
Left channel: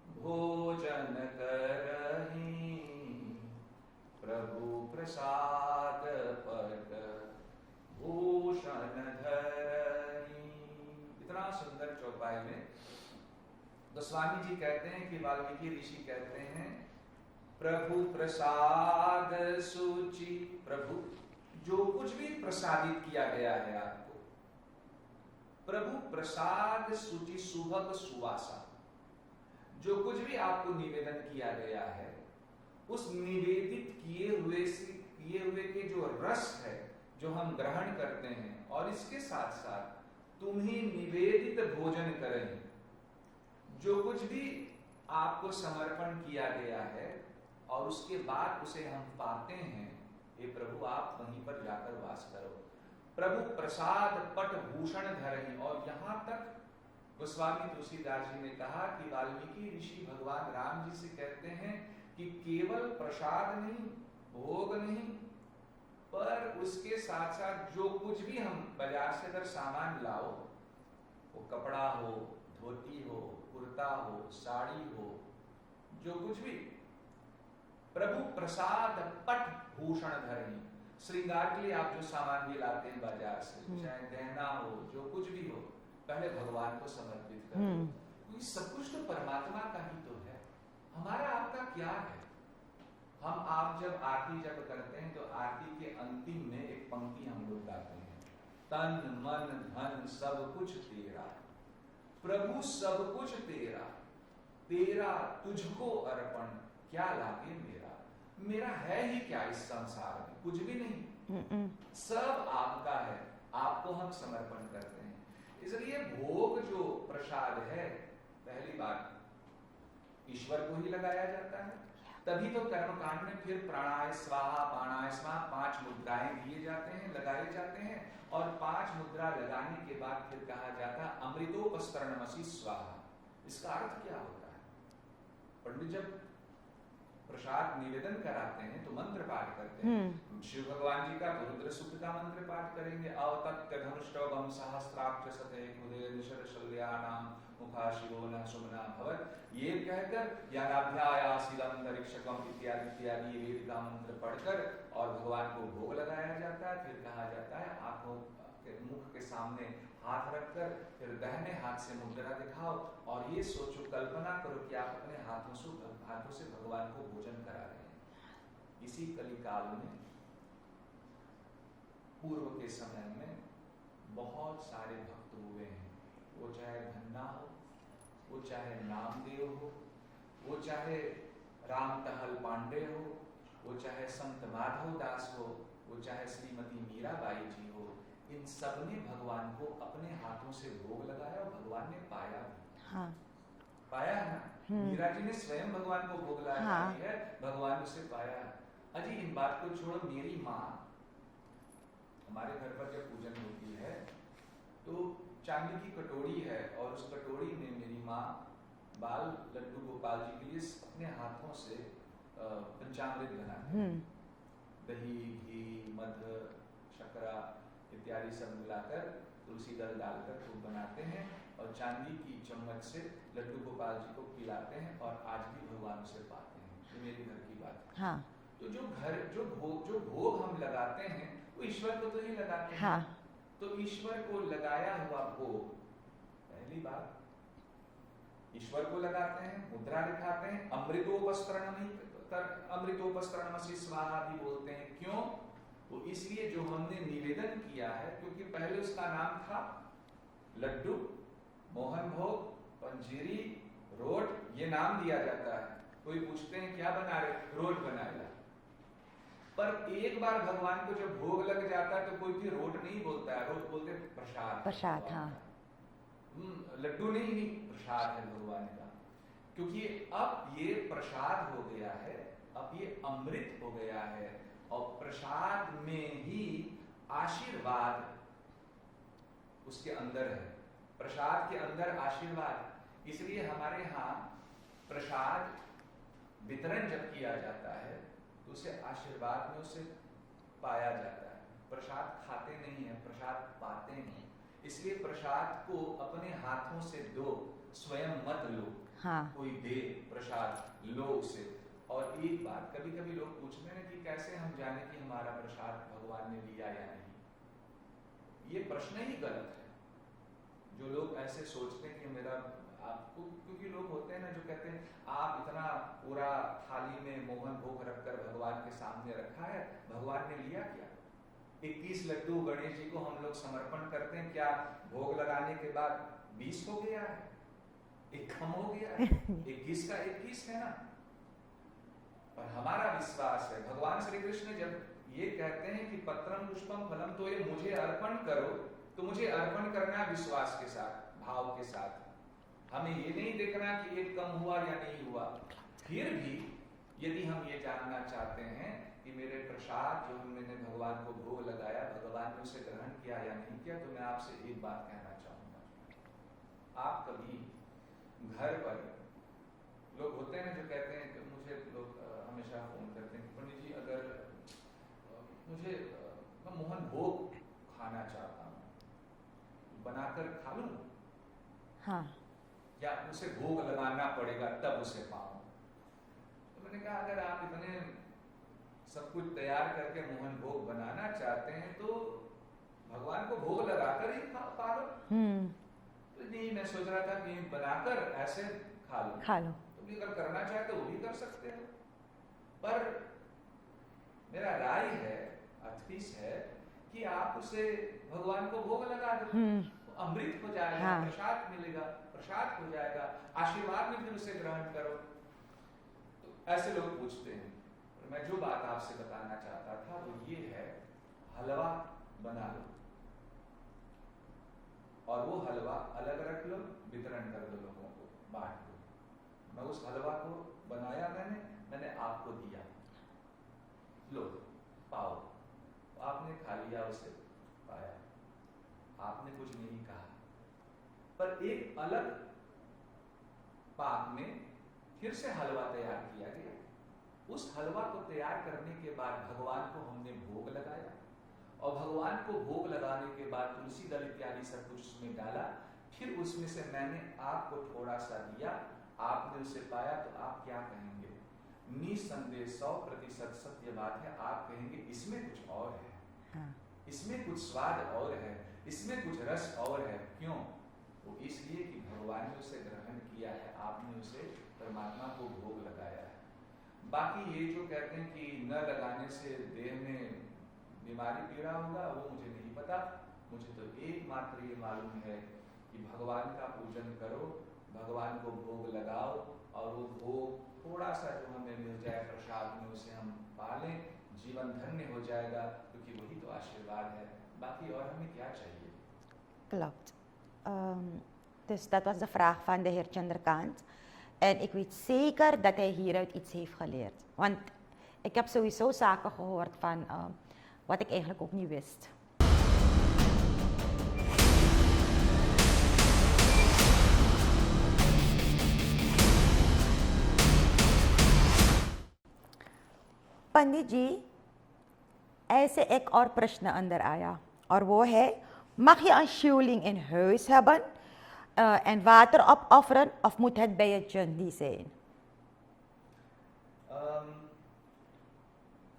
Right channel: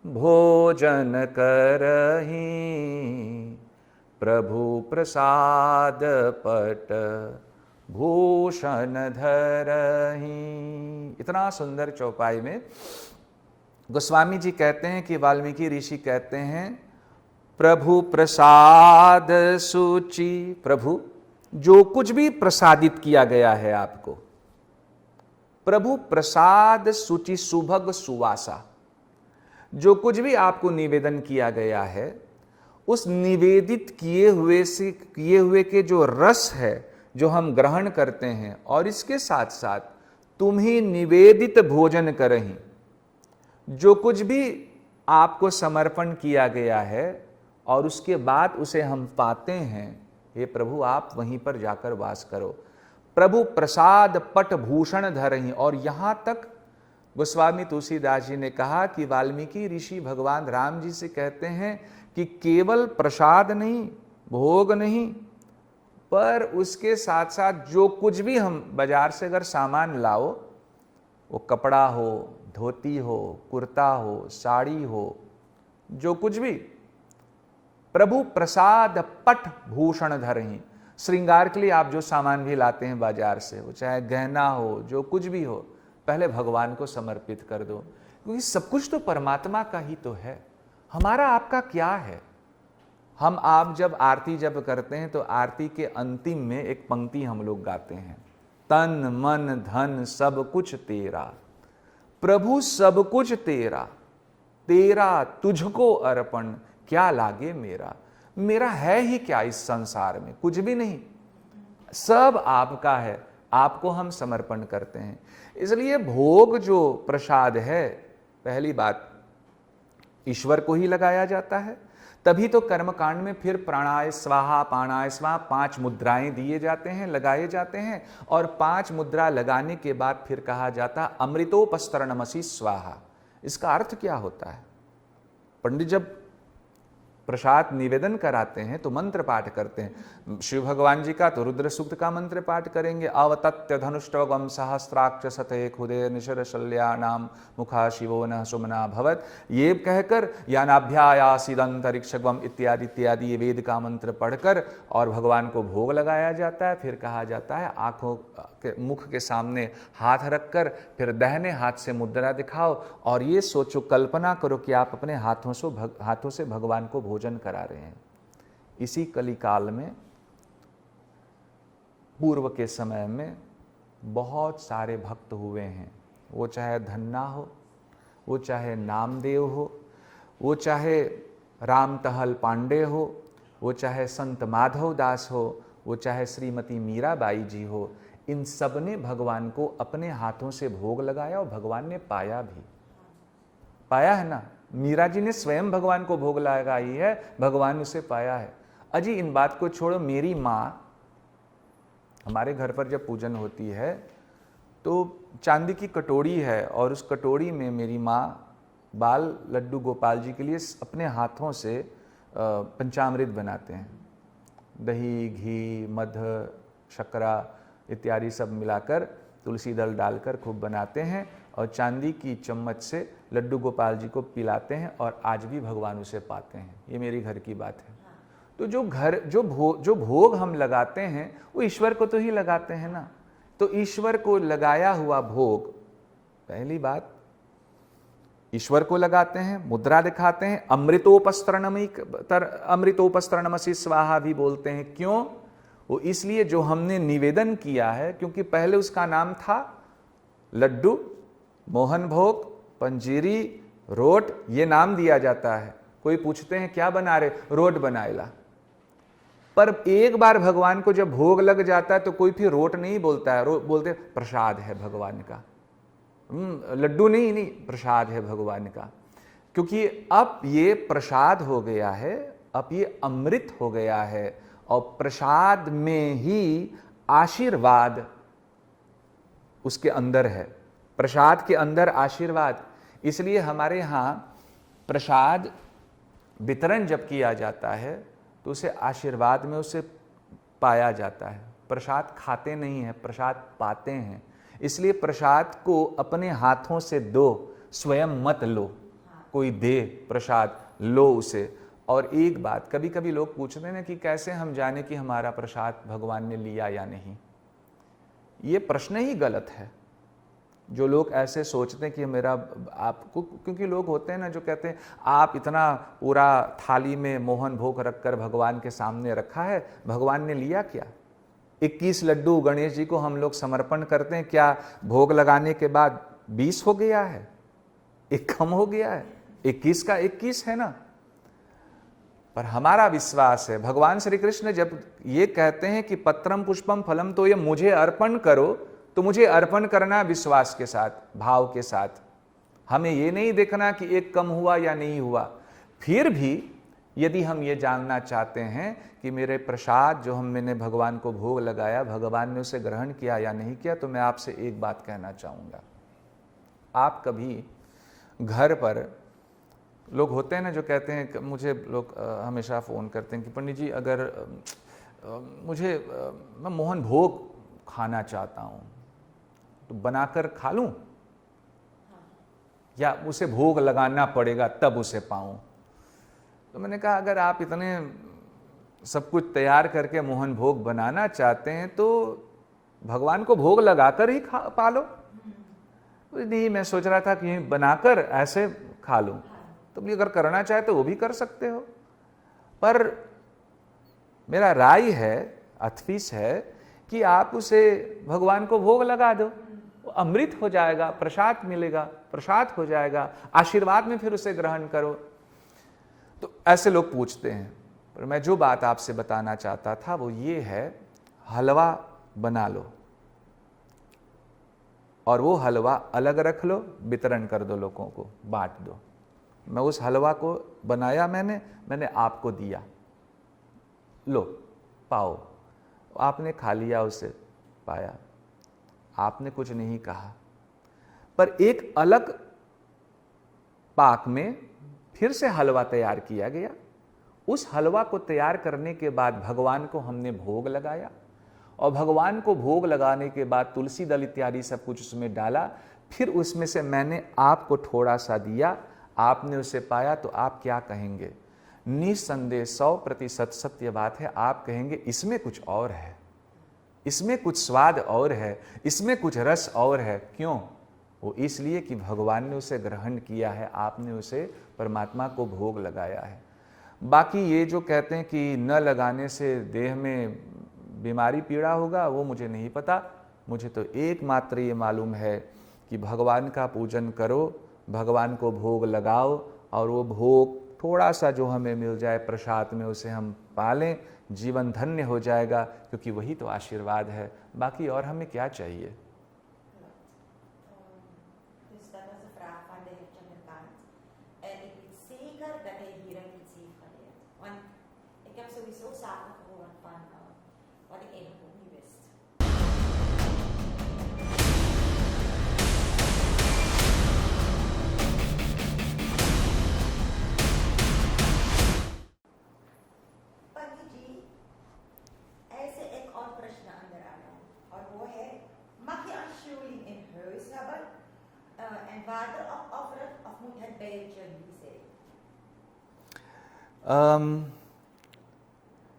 भोजन करही प्रभु प्रसाद पट भूषण धरही। इतना सुंदर चौपाई में गोस्वामी जी कहते हैं कि वाल्मीकि ऋषि कहते हैं प्रभु प्रसाद सूचि, प्रभु जो कुछ भी प्रसादित किया गया है आपको, प्रभु प्रसाद सूचि सुभग सुवासा, जो कुछ भी आपको निवेदन किया गया है उस निवेदित किए हुए के जो रस है जो हम ग्रहण करते हैं, और इसके साथ साथ तुम ही निवेदित भोजन करही, जो कुछ भी आपको समर्पण किया गया है और उसके बाद उसे हम पाते हैं, हे प्रभु आप वहीं पर जाकर वास करो। प्रभु प्रसाद पट भूषण धरही। और यहां तक गोस्वामी तुलसीदास जी ने कहा कि वाल्मीकि ऋषि भगवान राम जी से कहते हैं कि केवल प्रसाद नहीं, भोग नहीं, पर उसके साथ साथ जो कुछ भी हम बाजार से अगर सामान लाओ, वो कपड़ा हो, धोती हो, कुर्ता हो, साड़ी हो, जो कुछ भी, प्रभु प्रसाद पट भूषण धरही। श्रृंगार के लिए आप जो सामान भी लाते हैं बाजार से, वो चाहे गहना हो, जो कुछ भी हो, पहले भगवान को समर्पित कर दो, क्योंकि सब कुछ तो परमात्मा का ही तो है। हमारा आपका क्या है? हम आप जब आरती जब करते हैं तो आरती के अंतिम में एक पंक्ति हम लोग गाते हैं, तन मन धन सब कुछ तेरा, प्रभु सब कुछ तेरा, तेरा तुझको अर्पण, क्या लागे मेरा। मेरा है ही क्या इस संसार में, कुछ भी नहीं, सब आपका है, आपको हम समर्पण करते हैं। इसलिए भोग जो प्रसाद है, पहली बात ईश्वर को ही लगाया जाता है। तभी तो कर्मकांड में फिर प्राणाय स्वाहा पाणाय स्वाहा 5 मुद्राएं दिए जाते हैं, लगाए जाते हैं, और 5 मुद्रा लगाने के बाद फिर कहा जाता अमृतोपस्तरणमसि स्वाहा। इसका अर्थ क्या होता है? पंडित जब प्रसाद निवेदन कराते हैं तो मंत्र पाठ करते हैं। शिव भगवान जी का तो रुद्र सूक्त का मंत्र पाठ करेंगे, अवतत्य धनुष्टवम सहस्त्राक्ष सते खुदे निशर शल्यानाम मुखा शिवो न सुमना भवत, ये कहकर यानाभ्यायासिदंतरिक्षगम इत्यादि इत्यादि ये वेद का मंत्र पढ़कर और भगवान को भोग लगाया जाता है। फिर कहा जाता है आंखों के मुख के सामने हाथ रखकर फिर दाहिने हाथ से मुद्रा दिखाओ और ये सोचो, कल्पना करो कि आप अपने हाथों से भगवान को भोजन करा रहे हैं। इसी कलिकाल में पूर्व के समय में बहुत सारे भक्त हुए हैं, वो चाहे धन्ना हो, वो चाहे नामदेव हो, वो चाहे राम टहल पांडे हो, वो चाहे संत माधव दास हो, वो चाहे श्रीमती मीराबाई जी हो। इन सब ने भगवान को अपने हाथों से भोग लगाया और भगवान ने पाया भी। हाँ। पाया है ना। मीरा जी ने स्वयं भगवान को भोग लगाई है, भगवान उसे पाया है। अजी इन बात को छोड़ो, मेरी माँ, हमारे घर पर जब पूजन होती है तो चांदी की कटोरी है और उस कटोरी में मेरी माँ बाल लड्डू गोपाल जी के लिए अपने हाथों से पंचामृत बनाते हैं। दही, घी, मध, शक्करा इत्यादि सब मिलाकर तुलसी दल डालकर खूब बनाते हैं और चांदी की चम्मच से लड्डू गोपाल जी को पिलाते हैं और आज भी भगवान उसे पाते हैं। ये मेरी घर की बात है। हाँ। तो जो भोग हम लगाते हैं वो ईश्वर को तो ही लगाते हैं। हाँ। ना। तो ईश्वर को लगाया हुआ भोग, पहली बात ईश्वर को लगाते हैं, मुद्रा दिखाते हैं, अमृतोपस्तरणमसि स्वाहा भी बोलते हैं। क्यों? वो इसलिए जो हमने निवेदन किया है, क्योंकि पहले उसका नाम था लड्डू, मोहन भोग, पंजीरी, रोट, ये नाम दिया जाता है। कोई पूछते हैं क्या बना रहे, रोट बनाएला। पर एक बार भगवान को जब भोग लग जाता है तो कोई फिर रोट नहीं बोलता है, बोलते प्रसाद है भगवान का। लड्डू नहीं, प्रसाद है भगवान का। क्योंकि अब ये प्रसाद हो गया है, अब ये अमृत हो गया है और प्रसाद में ही आशीर्वाद उसके अंदर है। प्रसाद के अंदर आशीर्वाद। इसलिए हमारे यहाँ प्रसाद वितरण जब किया जाता है तो उसे आशीर्वाद में उसे पाया जाता है। प्रसाद खाते नहीं हैं, प्रसाद पाते हैं। इसलिए प्रसाद को अपने हाथों से दो, स्वयं मत लो। हाँ। कोई दे प्रसाद, लो उसे। और एक बात, कभी कभी लोग पूछते हैं कि कैसे हम जाने कि हमारा प्रसाद भगवान ने लिया या नहीं। ये प्रश्न ही गलत है। जो लोग ऐसे सोचते हैं कि मेरा आपको, क्योंकि लोग होते हैं ना जो कहते हैं आप इतना पूरा थाली में मोहन भोग रखकर भगवान के सामने रखा है, भगवान ने लिया क्या? 21 लड्डू गणेश जी को हम लोग समर्पण करते हैं, क्या भोग लगाने के बाद 20 हो गया है? एक कम हो गया है? 21 का 21 है ना। पर हमारा विश्वास है, भगवान श्री कृष्ण जब ये कहते हैं कि पत्रम पुष्पम फलम तो ये मुझे अर्पण करो, तो मुझे अर्पण करना विश्वास के साथ, भाव के साथ। हमें ये नहीं देखना कि एक कम हुआ या नहीं हुआ। फिर भी यदि हम ये जानना चाहते हैं कि मेरे प्रसाद जो मैंने भगवान को भोग लगाया, भगवान ने उसे ग्रहण किया या नहीं किया, तो मैं आपसे एक बात कहना चाहूँगा। आप कभी घर पर, लोग होते हैं ना जो कहते हैं, मुझे लोग हमेशा फ़ोन करते हैं कि पंडित जी अगर मैं मोहन भोग खाना चाहता हूँ तो बनाकर खा लूँ? हाँ। या उसे भोग लगाना पड़ेगा तब उसे पाऊँ? तो मैंने कहा अगर आप इतने सब कुछ तैयार करके मोहन भोग बनाना चाहते हैं तो भगवान को भोग लगाकर ही पा लो। नहीं, मैं सोच रहा था कि बनाकर ऐसे खा लूँ। तो भी अगर करना चाहे तो वो भी कर सकते हो। पर मेरा राय है, अथविस है कि आप उसे भगवान को भोग लगा दो। अमृत हो जाएगा, हाँ। प्रसाद मिलेगा, प्रसाद हो जाएगा, आशीर्वाद में फिर उसे ग्रहण करो। तो ऐसे लोग पूछते हैं, पर मैं जो बात आपसे बताना चाहता था वो ये है, हलवा बना लो और वो हलवा अलग रख लो, वितरण कर दो, लोगों को बांट दो। मैं उस हलवा को बनाया, मैंने आपको दिया, लो पाओ। आपने खा लिया, उसे पाया, आपने कुछ नहीं कहा। पर एक अलग पाक में फिर से हलवा तैयार किया गया। उस हलवा को तैयार करने के बाद भगवान को हमने भोग लगाया, और भगवान को भोग लगाने के बाद तुलसी दल इत्यादि सब कुछ उसमें डाला। फिर उसमें से मैंने आपको थोड़ा सा दिया, आपने उसे पाया, तो आप क्या कहेंगे? निस्संदेह 100% सत्य बात है, आप कहेंगे इसमें कुछ और है, इसमें कुछ स्वाद और है, इसमें कुछ रस और है। क्यों? वो इसलिए कि भगवान ने उसे ग्रहण किया है, आपने उसे परमात्मा को भोग लगाया है। बाकी ये जो कहते हैं कि न लगाने से देह में बीमारी पीड़ा होगा, वो मुझे नहीं पता। मुझे तो एकमात्र ये मालूम है कि भगवान का पूजन करो, भगवान को भोग लगाओ, और वो भोग थोड़ा सा जो हमें मिल जाए प्रसाद में, उसे हम पालें, जीवन धन्य हो जाएगा, क्योंकि वही तो आशीर्वाद है। बाकी और हमें क्या चाहिए? Klopt. Dus dat was de vraag van de heer Chandrakant. En ik weet zeker dat hij hieruit iets heeft geleerd. Want ik heb sowieso zaken gehoord van wat ik eigenlijk ook niet wist. पंडित जी, ऐसे एक और प्रश्न अंदर आया और वो है, mag je een shieling in huis hebben en water opofferen of moet het bij het jundi zijn?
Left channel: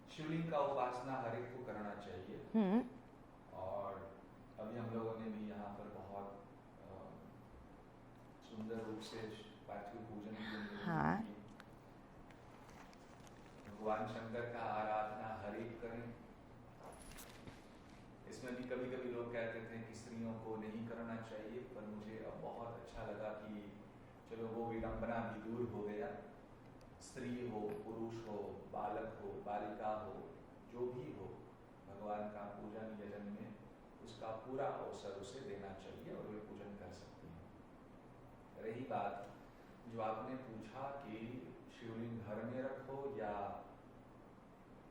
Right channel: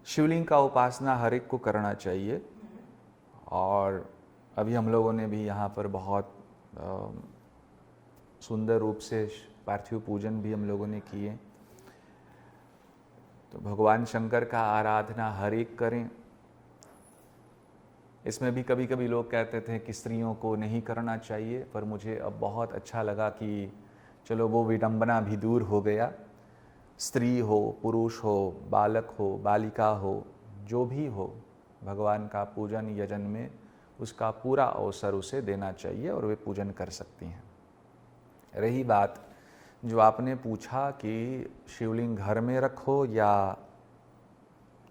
शिवलिंग का उपासना हर एक को करना चाहिए। और अभी हम लोगों ने भी यहाँ पर बहुत सुंदर रूप से पार्थिव पूजन भी हम लोगों ने किए। तो भगवान शंकर का आराधना हर एक करें। इसमें भी कभी कभी लोग कहते थे कि स्त्रियों को नहीं करना चाहिए, पर मुझे अब बहुत अच्छा लगा कि चलो वो विडंबना भी दूर हो गया। स्त्री हो, पुरुष हो, बालक हो, बालिका हो, जो भी हो, भगवान का पूजन यजन में उसका पूरा अवसर उसे देना चाहिए और वे पूजन कर सकती हैं। रही बात जो आपने पूछा कि शिवलिंग घर में रखो या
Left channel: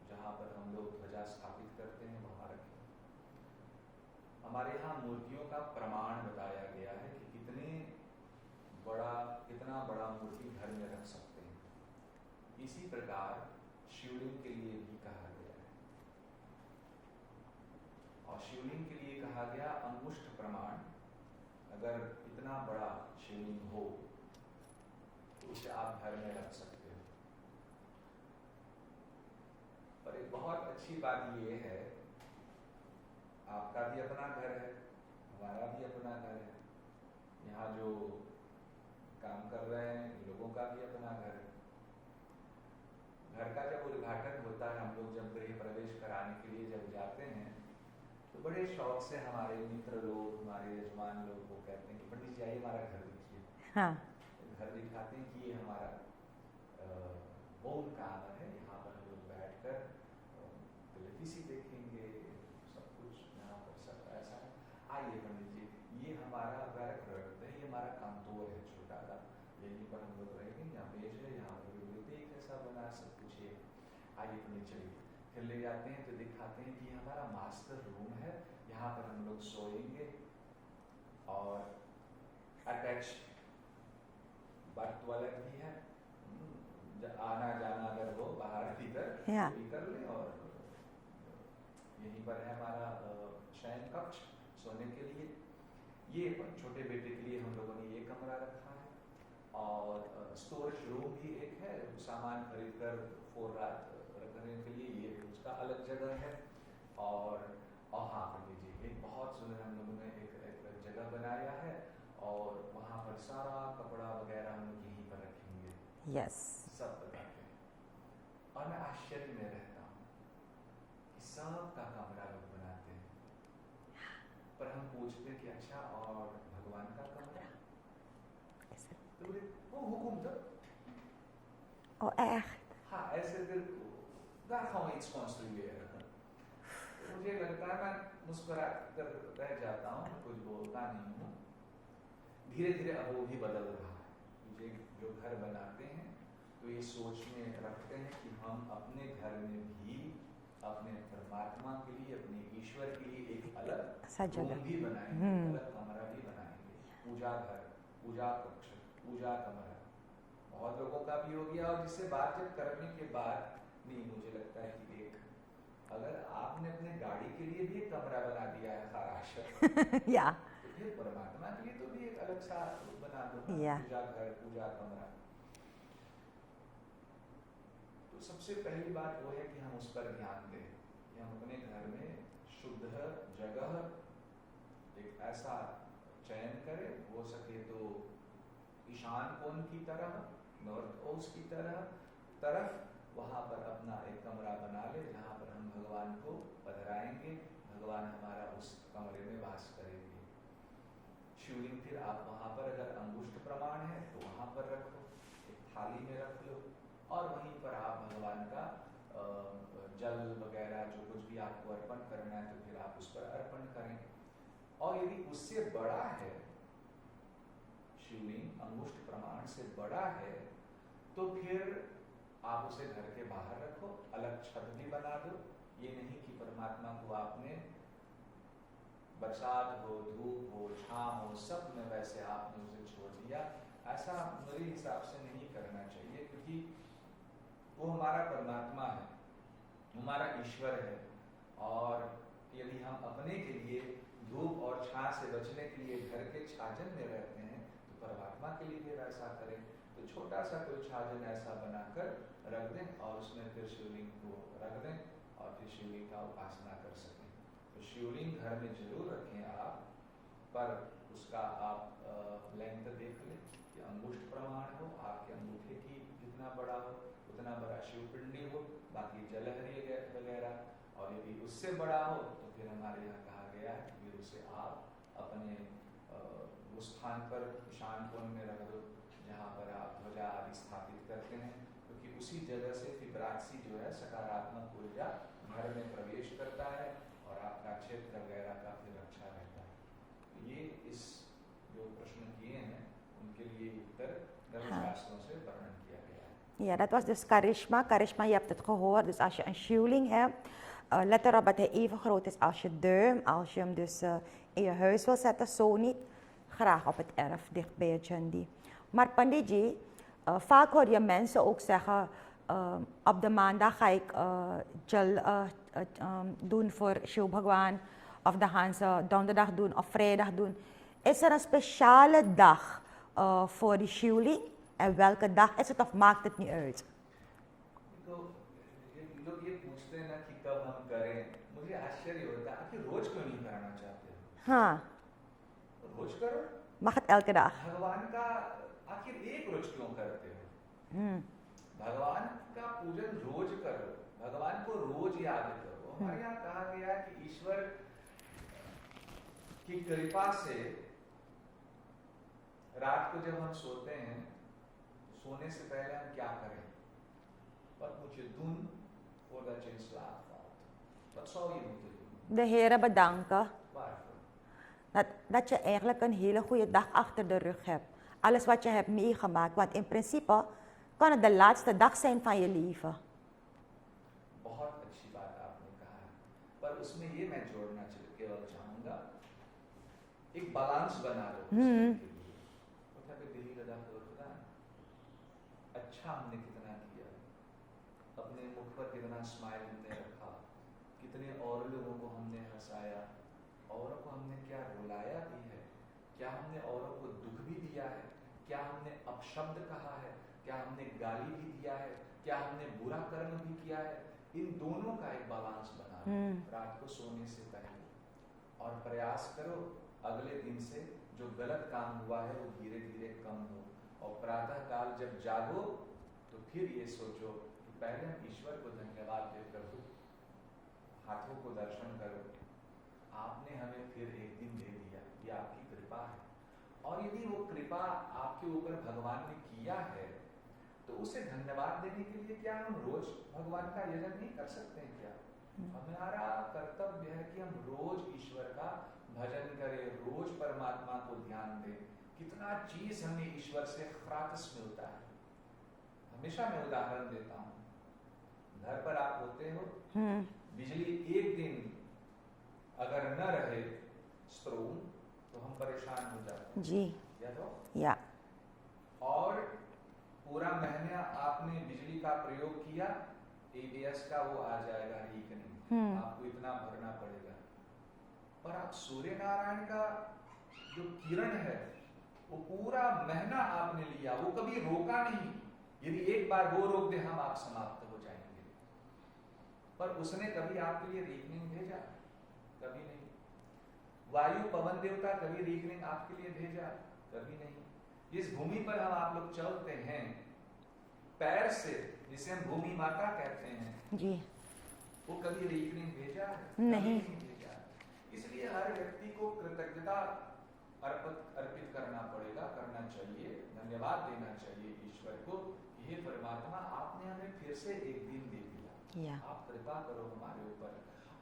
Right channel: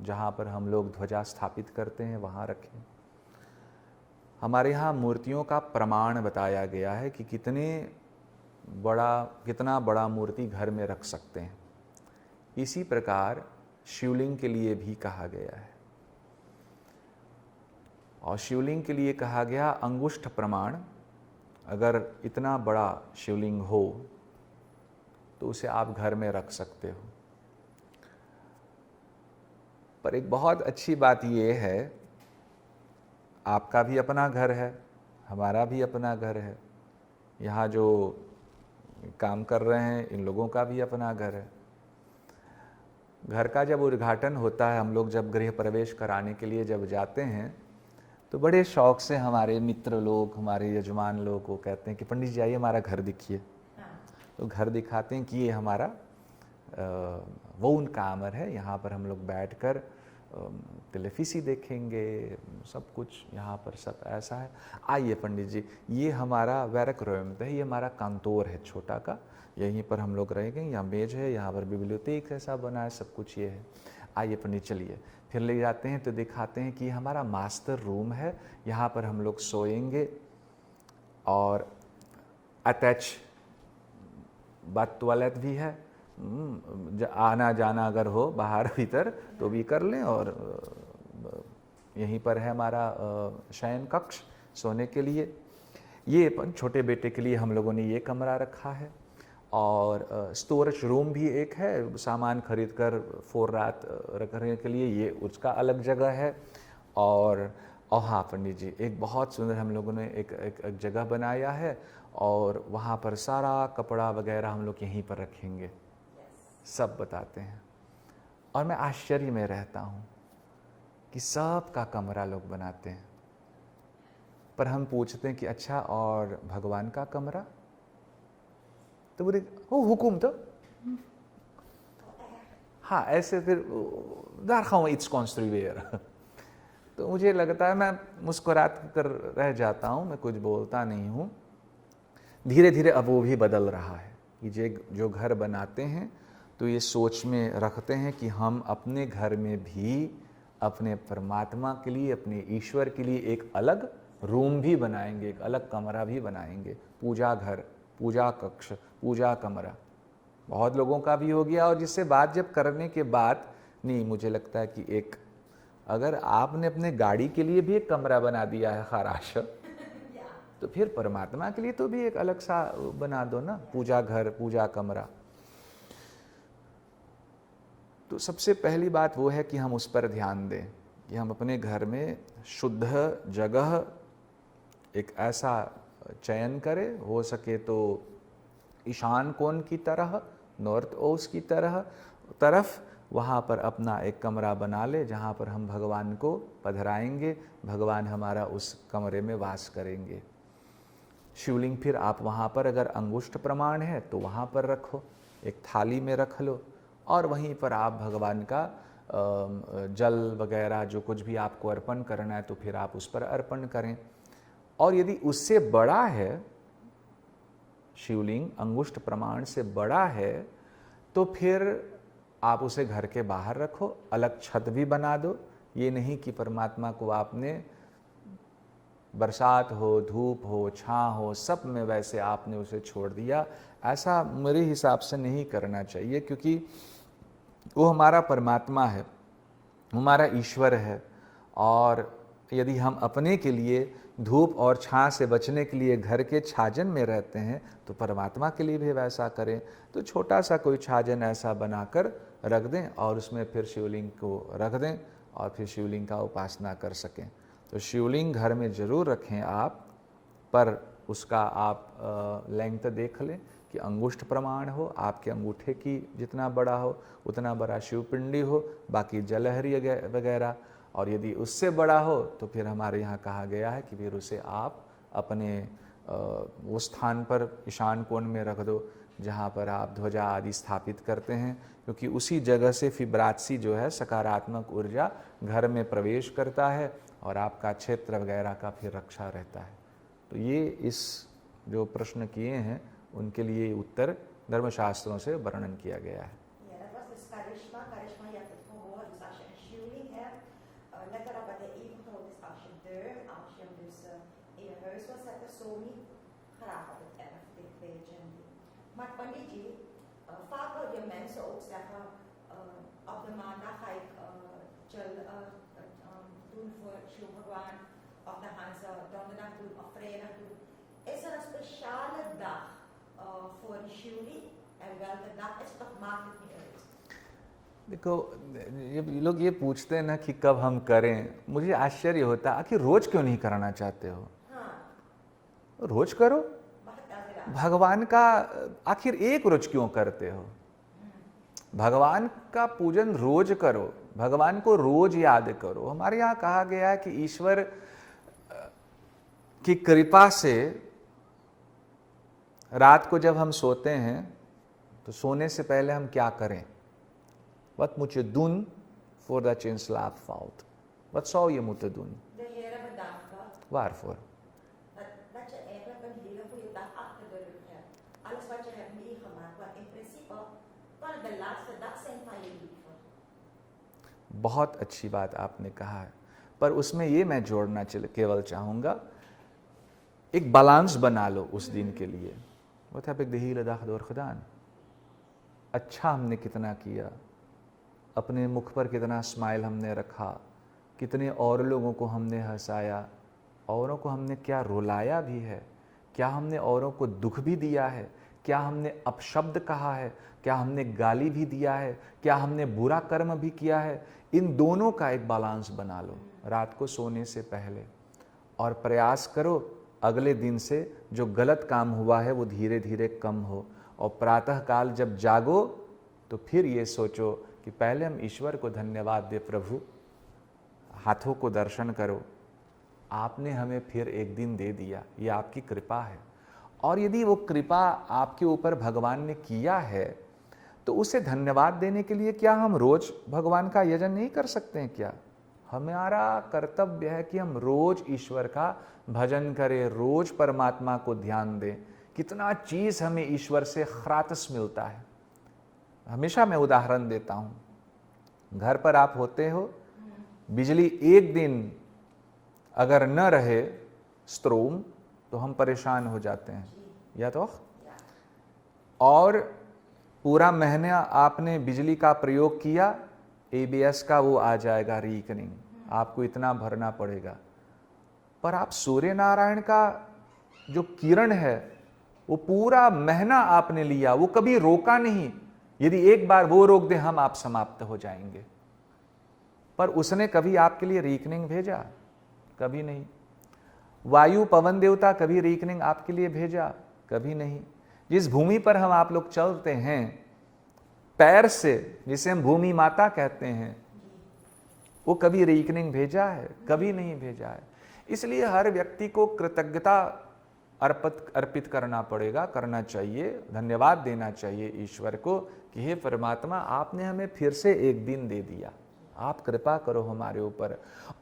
जहाँ पर हम लोग ध्वजा स्थापित करते हैं वहाँ रखें, हमारे यहाँ मूर्तियों का प्रमाण बताया गया है कि कितना बड़ा मूर्ति घर में रख सकते हैं। इसी प्रकार शिवलिंग के लिए भी कहा गया है, और शिवलिंग के लिए कहा गया अंगुष्ठ प्रमाण। अगर इतना बड़ा शिवलिंग हो तो उसे आप घर में रख सकते हो। पर एक बहुत अच्छी बात ये है, आपका भी अपना घर है, हमारा भी अपना घर है, यहाँ जो काम कर रहे हैं इन लोगों का भी अपना घर है। घर का जब उद्घाटन होता है, हम लोग जब गृह प्रवेश कराने के लिए जब जाते हैं, तो बड़े शौक से हमारे मित्र लोग, हमारे यजमान लोग को कहते हैं कि पंडित जी आइए हमारा घर दिखिए। हाँ। तो घर दिखाते हैं कि ये हमारा वोन कामर है, यहाँ पर हम लोग बैठकर टेलीफिसी देखेंगे, सब कुछ यहाँ पर सब ऐसा है। आइए पंडित जी, ये हमारा वैरक रोयम है, ये हमारा कांतोर है छोटा का, यहीं पर हम लोग रहेंगे, यहाँ मेज है, यहाँ पर बिब्लियोथेक ऐसा बना है, सब कुछ ये है। आइए पंडित चलिए, फिर ले जाते हैं तो दिखाते हैं कि हमारा मास्टर रूम है, यहाँ पर हम लोग सोएंगे, और अटैच बाथ टॉयलेट भी है, आना जाना अगर हो बाहर भीतर तो भी कर लें, और यहीं पर है हमारा शयन कक्ष सोने के लिए। ये छोटे बेटे के लिए हम लोगों ने ये कमरा रखा है, और स्टोरेज रूम भी एक है, सामान खरीद कर 4 रात रखने के लिए, ये उसका अलग जगह है। और हाँ पंडित जी, एक बहुत सुंदर हम लोगों ने एक जगह बनाया है, और वहाँ पर सारा कपड़ा वगैरह हम लोग यहीं पर रखेंगे। यस। सब बताते हैं, और मैं आश्चर्य में रहता हूँ कि सब का कमरा लोग बनाते हैं। पर हम पूछते हैं कि अच्छा और भगवान का कमरा, तो बोले हो हुकुम तो Oh, echt? हाँ ऐसे फिर daar gaan we iets construeren। तो मुझे लगता है मैं मुस्कुरात कर रह जाता हूँ, मैं कुछ बोलता नहीं हूँ। धीरे धीरे अब वो भी बदल रहा है कि जो घर बनाते हैं तो ये सोच में रखते हैं कि हम अपने घर में भी अपने परमात्मा के लिए, अपने ईश्वर के लिए एक अलग रूम भी बनाएंगे, एक अलग कमरा भी बनाएंगे, पूजा घर, पूजा कक्ष, पूजा कमरा। बहुत लोगों का भी हो गया, और जिससे बात जब करने के बाद नहीं, मुझे लगता है कि एक अगर आपने अपने गाड़ी के लिए भी एक कमरा बना दिया है खराश, Ja. तो फिर परमात्मा के लिए तो भी एक अलग सा बना दो ना, या। पूजा घर, पूजा कमरा। तो सबसे पहली बात वो है कि हम उस पर ध्यान दें कि हम अपने घर में शुद्ध जगह एक ऐसा चयन करें, हो सके तो ईशान कोण की तरह, नॉर्थ ईस्ट की तरफ वहाँ पर अपना एक कमरा बना ले जहाँ पर हम भगवान को पधराएंगे, भगवान हमारा उस कमरे में वास करेंगे। शिवलिंग फिर आप वहाँ पर अगर अंगुष्ठ प्रमाण है तो वहाँ पर रखो, एक थाली में रख लो, और वहीं पर आप भगवान का जल वगैरह जो कुछ भी आपको अर्पण करना है तो फिर आप उस पर अर्पण करें। और यदि उससे बड़ा है, शिवलिंग अंगुष्ठ प्रमाण से बड़ा है, तो फिर आप उसे घर के बाहर रखो, अलग छत भी बना दो। ये नहीं कि परमात्मा को आपने बरसात हो, धूप हो, छाँ हो, सब में वैसे आपने उसे छोड़ दिया। ऐसा मेरे हिसाब से नहीं करना चाहिए, क्योंकि वो हमारा परमात्मा है, हमारा ईश्वर है। और यदि हम अपने के लिए धूप और छाँ से बचने के लिए घर के छाजन में रहते हैं, तो परमात्मा के लिए भी वैसा करें। तो छोटा सा कोई छाजन ऐसा बनाकर रख दें और उसमें फिर शिवलिंग को रख दें और फिर शिवलिंग का उपासना कर सकें। तो शिवलिंग घर में ज़रूर रखें आप, पर उसका आप लेंथ देख लें कि अंगुष्ठ प्रमाण हो, आपके अंगूठे की जितना बड़ा हो उतना बड़ा शिवपिंडी हो, बाकी जलहरी वगैरह। और यदि उससे बड़ा हो तो फिर हमारे यहाँ कहा गया है कि फिर उसे आप अपने वो स्थान पर ईशान कोण में रख दो जहाँ पर आप ध्वजा आदि स्थापित करते हैं, क्योंकि उसी जगह से फिब्रात्सी जो है सकारात्मक ऊर्जा घर में प्रवेश करता है और आपका क्षेत्र वगैरह का फिर रक्षा रहता है। तो ये इस जो प्रश्न किए हैं उनके लिए उत्तर धर्मशास्त्रों से वर्णन किया गया है। Ja, dat was dus charisma. Charisma, je hebt het gehoord. Dus als je een shieling hebt, let erop dat hij even groot is als je duim. Als je hem dus in je huis wil zetten, zo niet. Graag op het erf, dicht bij je chandi. Maar Panditji, vaak hoor je mensen ook zeggen, op de maandag ga ik jal doen voor Shiv Bhagwan. Of dan gaan ze donderdag doen of vrijdag doen. Is er een speciale dag voor die shieling? En welke dag is het of maakt het niet uit? देखो, ये लोग ये पूछते हैं ना कि कब हम करें, मुझे आश्चर्य होता है आखिर रोज क्यों नहीं करना चाहते हो? हाँ, रोज करो। mag het elke dag? भगवान का आखिर एक रोज क्यों करते हो? भगवान का पूजन रोज करो, भगवान को रोज याद करो। हमारे यहाँ कहा गया है कि ईश्वर की कृपा से रात को जब हम सोते हैं तो सोने से पहले हम क्या करें? Wat moet je doen voordat je in slaap valt? Wat zou je moeten doen? De Heere bedanken Waarvoor? dat je eigenlijk een hele goede dag achter de rug hebt. Alles wat je hebt meegemaakt. Want in principe kan het de laatste dag zijn van je leven. बहुत अच्छी बात आपने कहा है, पर उसमें ये मैं जोड़ना केवल चाहूँगा, एक बैलेंस बना लो उस दिन के लिए। Wat heb ik de hele dag door gedaan? अच्छा हमने कितना किया, अपने मुख पर कितना स्माइल हमने रखा, कितने और लोगों को हमने हंसाया, औरों को हमने क्या रुलाया भी है, क्या हमने औरों को दुख भी दिया है, क्या हमने अपशब्द कहा है, क्या हमने गाली भी दिया है, क्या हमने बुरा कर्म भी किया है। इन दोनों का एक बैलेंस बना लो रात को सोने से पहले, और प्रयास करो अगले दिन से जो गलत काम हुआ है वो धीरे धीरे कम हो। और प्रातः काल जब जागो तो फिर ये सोचो कि पहले हम ईश्वर को धन्यवाद दे, प्रभु हाथों को दर्शन करो, आपने हमें फिर एक दिन दे दिया, ये आपकी कृपा है। और यदि वो कृपा आपके ऊपर भगवान ने किया है तो उसे धन्यवाद देने के लिए क्या हम रोज भगवान का यजन नहीं कर सकते हैं क्या? हमारा कर्तव्य है कि हम रोज ईश्वर का भजन करें, रोज परमात्मा को ध्यान दें। कितना चीज हमें ईश्वर से ख्रातस मिलता है। हमेशा मैं उदाहरण देता हूँ, घर पर आप होते हो, बिजली एक दिन अगर न रहे स्ट्रोम तो हम परेशान हो जाते हैं जी या तो या और पूरा महीना आपने बिजली का प्रयोग किया, ABS का वो आ जाएगा रीकनिंग, आपको इतना भरना पड़ेगा। पर आप सूर्य नारायण का जो किरण है वो पूरा महीना आपने लिया, वो कभी रोका नहीं। यदि एक बार वो रोक दे हम आप समाप्त हो जाएंगे। पर उसने कभी आपके लिए रीकनिंग भेजा? कभी नहीं। वायु पवन देवता कभी रीकनिंग आपके लिए भेजा? कभी नहीं। जिस भूमि पर हम आप लोग चलते हैं पैर से, जिसे हम भूमि माता कहते हैं, जी वो कभी रीकनिंग भेजा है? कभी नहीं भेजा है। इसलिए हर व्यक्ति को कृतज्ञता अर्पित करना पड़ेगा, करना चाहिए, धन्यवाद देना चाहिए ईश्वर को कि हे परमात्मा आपने हमें फिर से एक दिन दे दिया, आप कृपा करो हमारे ऊपर।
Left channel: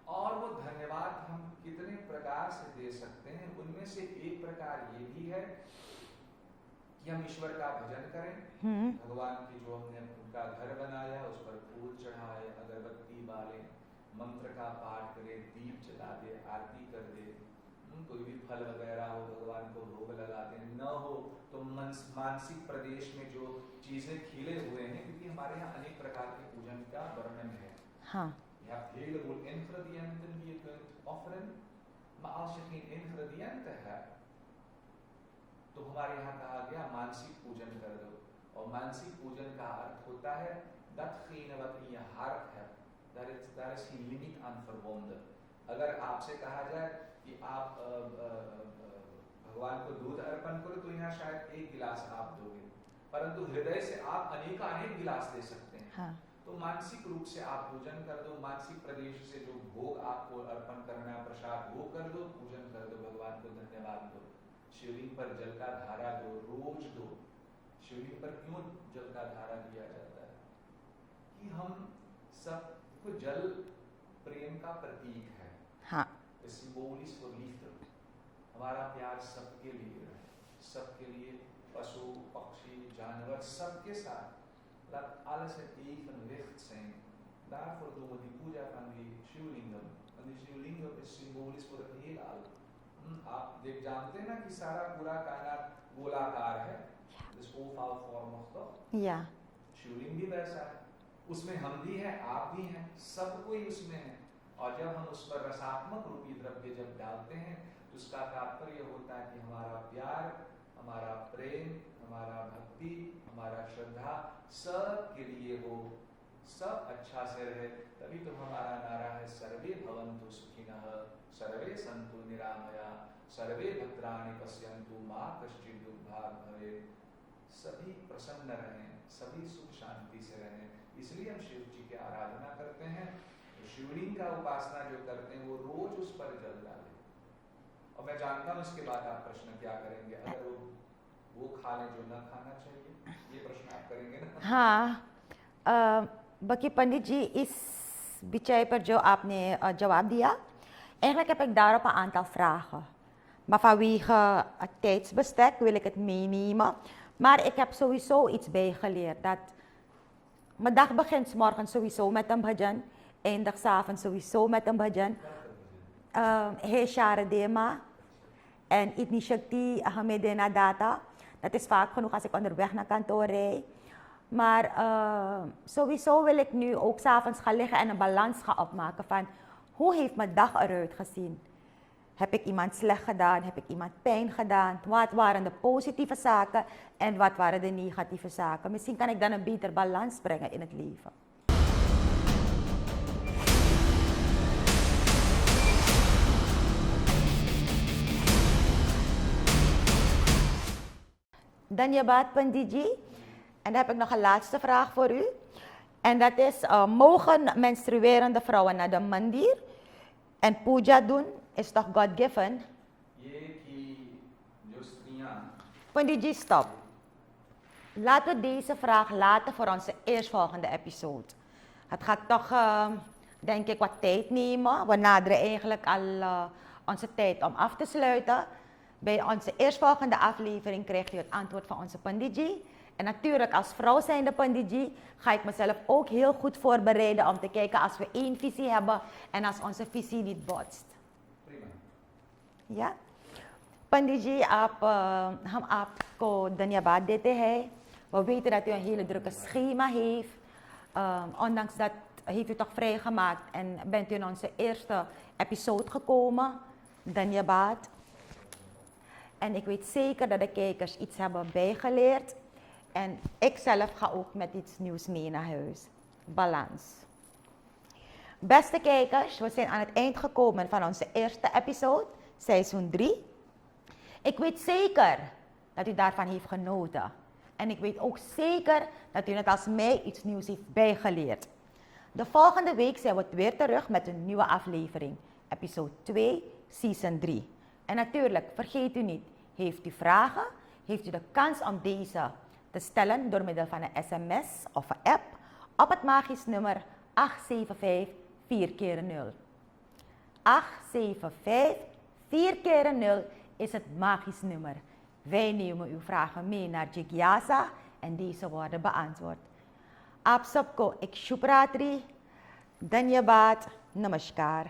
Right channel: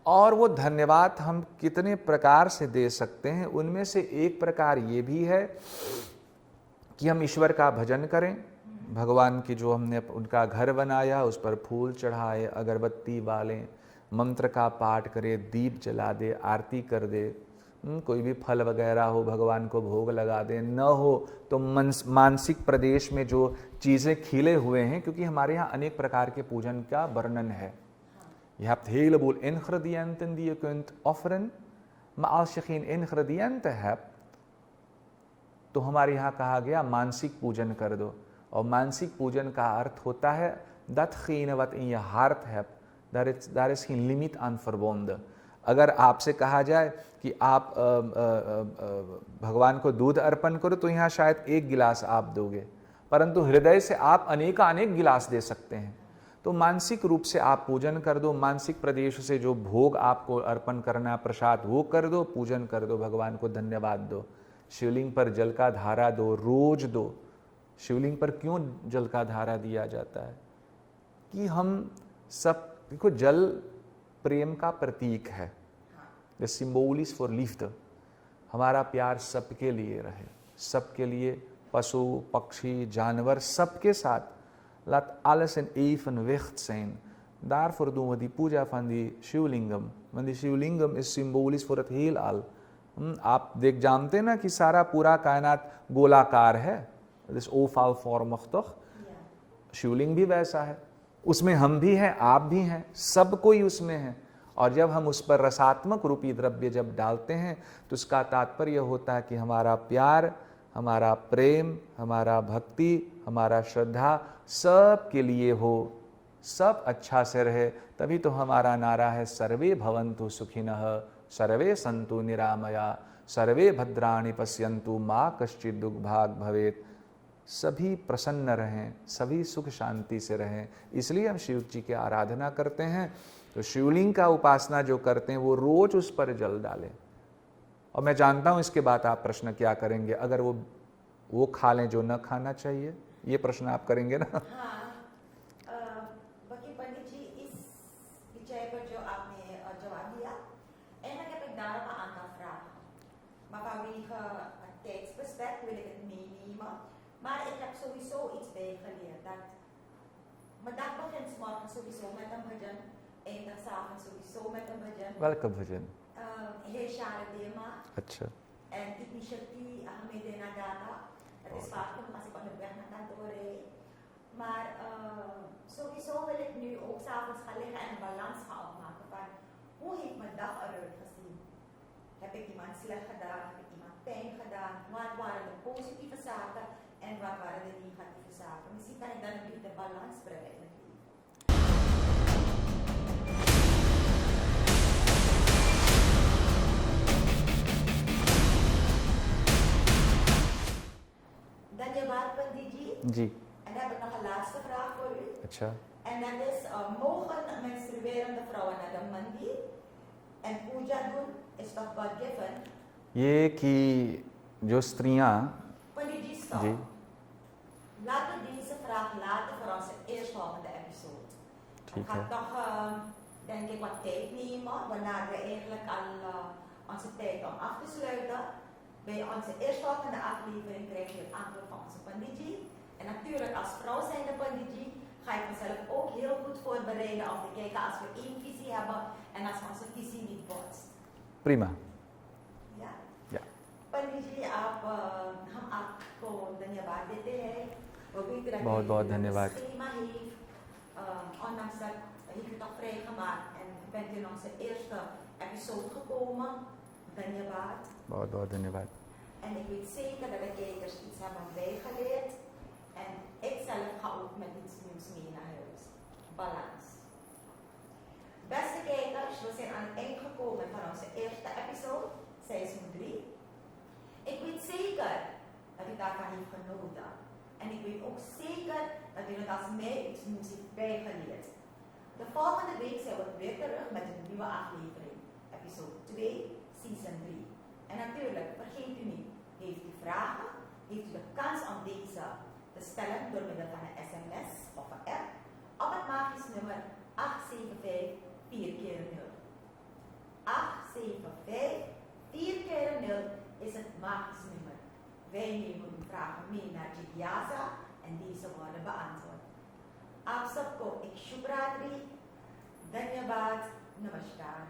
और वो धन्यवाद हम कितने प्रकार से दे सकते हैं, उनमें से एक प्रकार ये भी है कि हम ईश्वर का भजन करें। भगवान की जो हमने उनका घर बनाया उस पर फूल चढ़ाए, अगरबत्ती बालें, मंत्र का पाठ करें, दीप जला दे, आरती कर दे, कोई भी फल वगैरह हो भगवान को भोग लगा दें। न हो तो मानसिक प्रदेश में जो चीज़ें खिले हुए हैं, क्योंकि हमारे यहाँ अनेक प्रकार के पूजन का वर्णन है। हाँ Je hebt een heleboel ingrediënten die je kunt offeren, maar als je geen ingrediënten hebt, तो हमारे यहाँ कहा गया मानसिक पूजन कर दो। और मानसिक पूजन का अर्थ होता है datgene wat in je hart hebt, daar is geen limiet aan verbonden। अगर आपसे कहा जाए कि आप भगवान को दूध अर्पण करो तो यहाँ शायद एक गिलास आप दोगे, परंतु हृदय से आप अनेक गिलास दे सकते हैं। हाँ। तो मानसिक रूप से आप पूजन कर दो, मानसिक प्रदेश से जो भोग आपको अर्पण करना, प्रसाद, वो कर दो, पूजन कर दो, भगवान को धन्यवाद दो। शिवलिंग पर जल का धारा दो, रोज दो। शिवलिंग पर क्यों जल का धारा दिया जाता है? कि हम सब, देखो जल प्रेम का प्रतीक है। हाँ। The symbol is for lift. हमारा प्यार सबके लिए रहे, सबके लिए, पशु पक्षी जानवर सबके साथ। Laat alles in evenwicht zijn. Daarvoor doen we die puja van die Sivalingam, want die Sivalingam is symbolisch voor het heelal। आप जानते हैं ना कि सारा पूरा कायनात गोलाकार है, इस ओफाल फॉर्मig toch? या शिवलिंग भी वैसा है, उसमें हम भी हैं, आप भी हैं, सब कोई उसमें है। और जब हम उस पर रसात्मक रूपी द्रव्य जब डालते हैं तो उसका तात्पर्य होता है कि हमारा प्यार, हमारा प्रेम, हमारा भक्ति, हमारा श्रद्धा सब के लिए हो, सब अच्छा से रहे। तभी तो हमारा नारा है सर्वे भवन्तु सुखिनः, सर्वे सन्तु निरामया, सर्वे भद्राणि पश्यन्तु मा कश्चित् दुर्भाग भवेत्। सभी प्रसन्न रहें, सभी सुख शांति से रहें। इसलिए हम शिव जी की आराधना करते हैं। तो शिवलिंग का उपासना जो करते हैं वो रोज उस पर जल डालें। और मैं जानता हूं इसके बाद आप प्रश्न क्या करेंगे, अगर वो खा लें जो न खाना चाहिए, ये प्रश्न आप करेंगे ना? हाँ, बाकी पंडित जी इस विषय पर जो आपने जवाब दिया, eigenlijk heb ik daarop een aantal vragen. Maar vanwege het tijdsbestek wil ik het meenemen. Maar ik heb sowieso iets bijgeleerd. Dat mijn dag begint 's morgens sowieso met een bhajan, eindigt 's avonds sowieso met een bhajan. Welke bhajan? He Sharadema. अच्छा। En Itni Shakti Hame Dena Data. Dat is vaak genoeg als ik onderweg naar kantoor rijd. Maar sowieso wil ik nu ook 's avonds gaan liggen en een balans gaan opmaken van hoe heeft mijn dag eruit gezien? Heb ik iemand slecht gedaan? Heb ik iemand pijn gedaan? Wat waren de positieve zaken en wat waren de negatieve zaken? Misschien kan ik dan een beter balans brengen in het leven. Dhanyabad Pandit ji. Ji. En dan heb ik nog een laatste vraag voor u. अच्छा। En dat is, mogen menstruerende vrouwen naar de mandir en puja doen is toch God-given? ये कि जो स्त्रियां Pandit ji, stop. Ji Laten we deze vraag laten voor onze eerstvolgende episode. Het ठीक gaat है। toch, denk ik, wat tijd nemen. We naderen eigenlijk al onze tijd om af te sluiten. Bij onze eerstvolgende aflevering krijgt u het antwoord van onze Panditji. En natuurlijk, als vrouw zijnde Panditji, ga ik mezelf ook heel goed voorbereiden om te kijken als we één visie hebben en als onze visie niet botst. प्रीमा Ja? पंडित जी हम आपको धन्यवाद देते हैं। We weten dat u een बहुत hele बहुत drukke धन्यवाद। schema heeft. Ondanks dat heeft u toch vrijgemaakt en bent u in onze eerste episode gekomen. Dhanyabad. बहुत बहुत धन्यवाद। En ik weet zeker dat de kijkers iets hebben bijgeleerd. En ik zelf ga ook met iets nieuws mee naar huis. Balans. Beste kijkers, we zijn aan het eind gekomen van onze eerste episode, seizoen 3. Ik weet zeker dat u daarvan heeft genoten. En ik weet ook zeker dat u net als mij iets nieuws heeft bijgeleerd. De volgende week zijn we weer terug met een nieuwe aflevering. Episode 2, season 3. En natuurlijk, vergeet u niet, heeft u vragen? Heeft u de kans om deze te stellen door middel van een sms of een app op het magisch nummer 875 4x0. 875 4x0 is het magisch nummer. Wij nemen uw vragen mee naar Jigyasa en deze worden beantwoord. Aap sabko ek shubh ratri, dhanyabad, namaskar.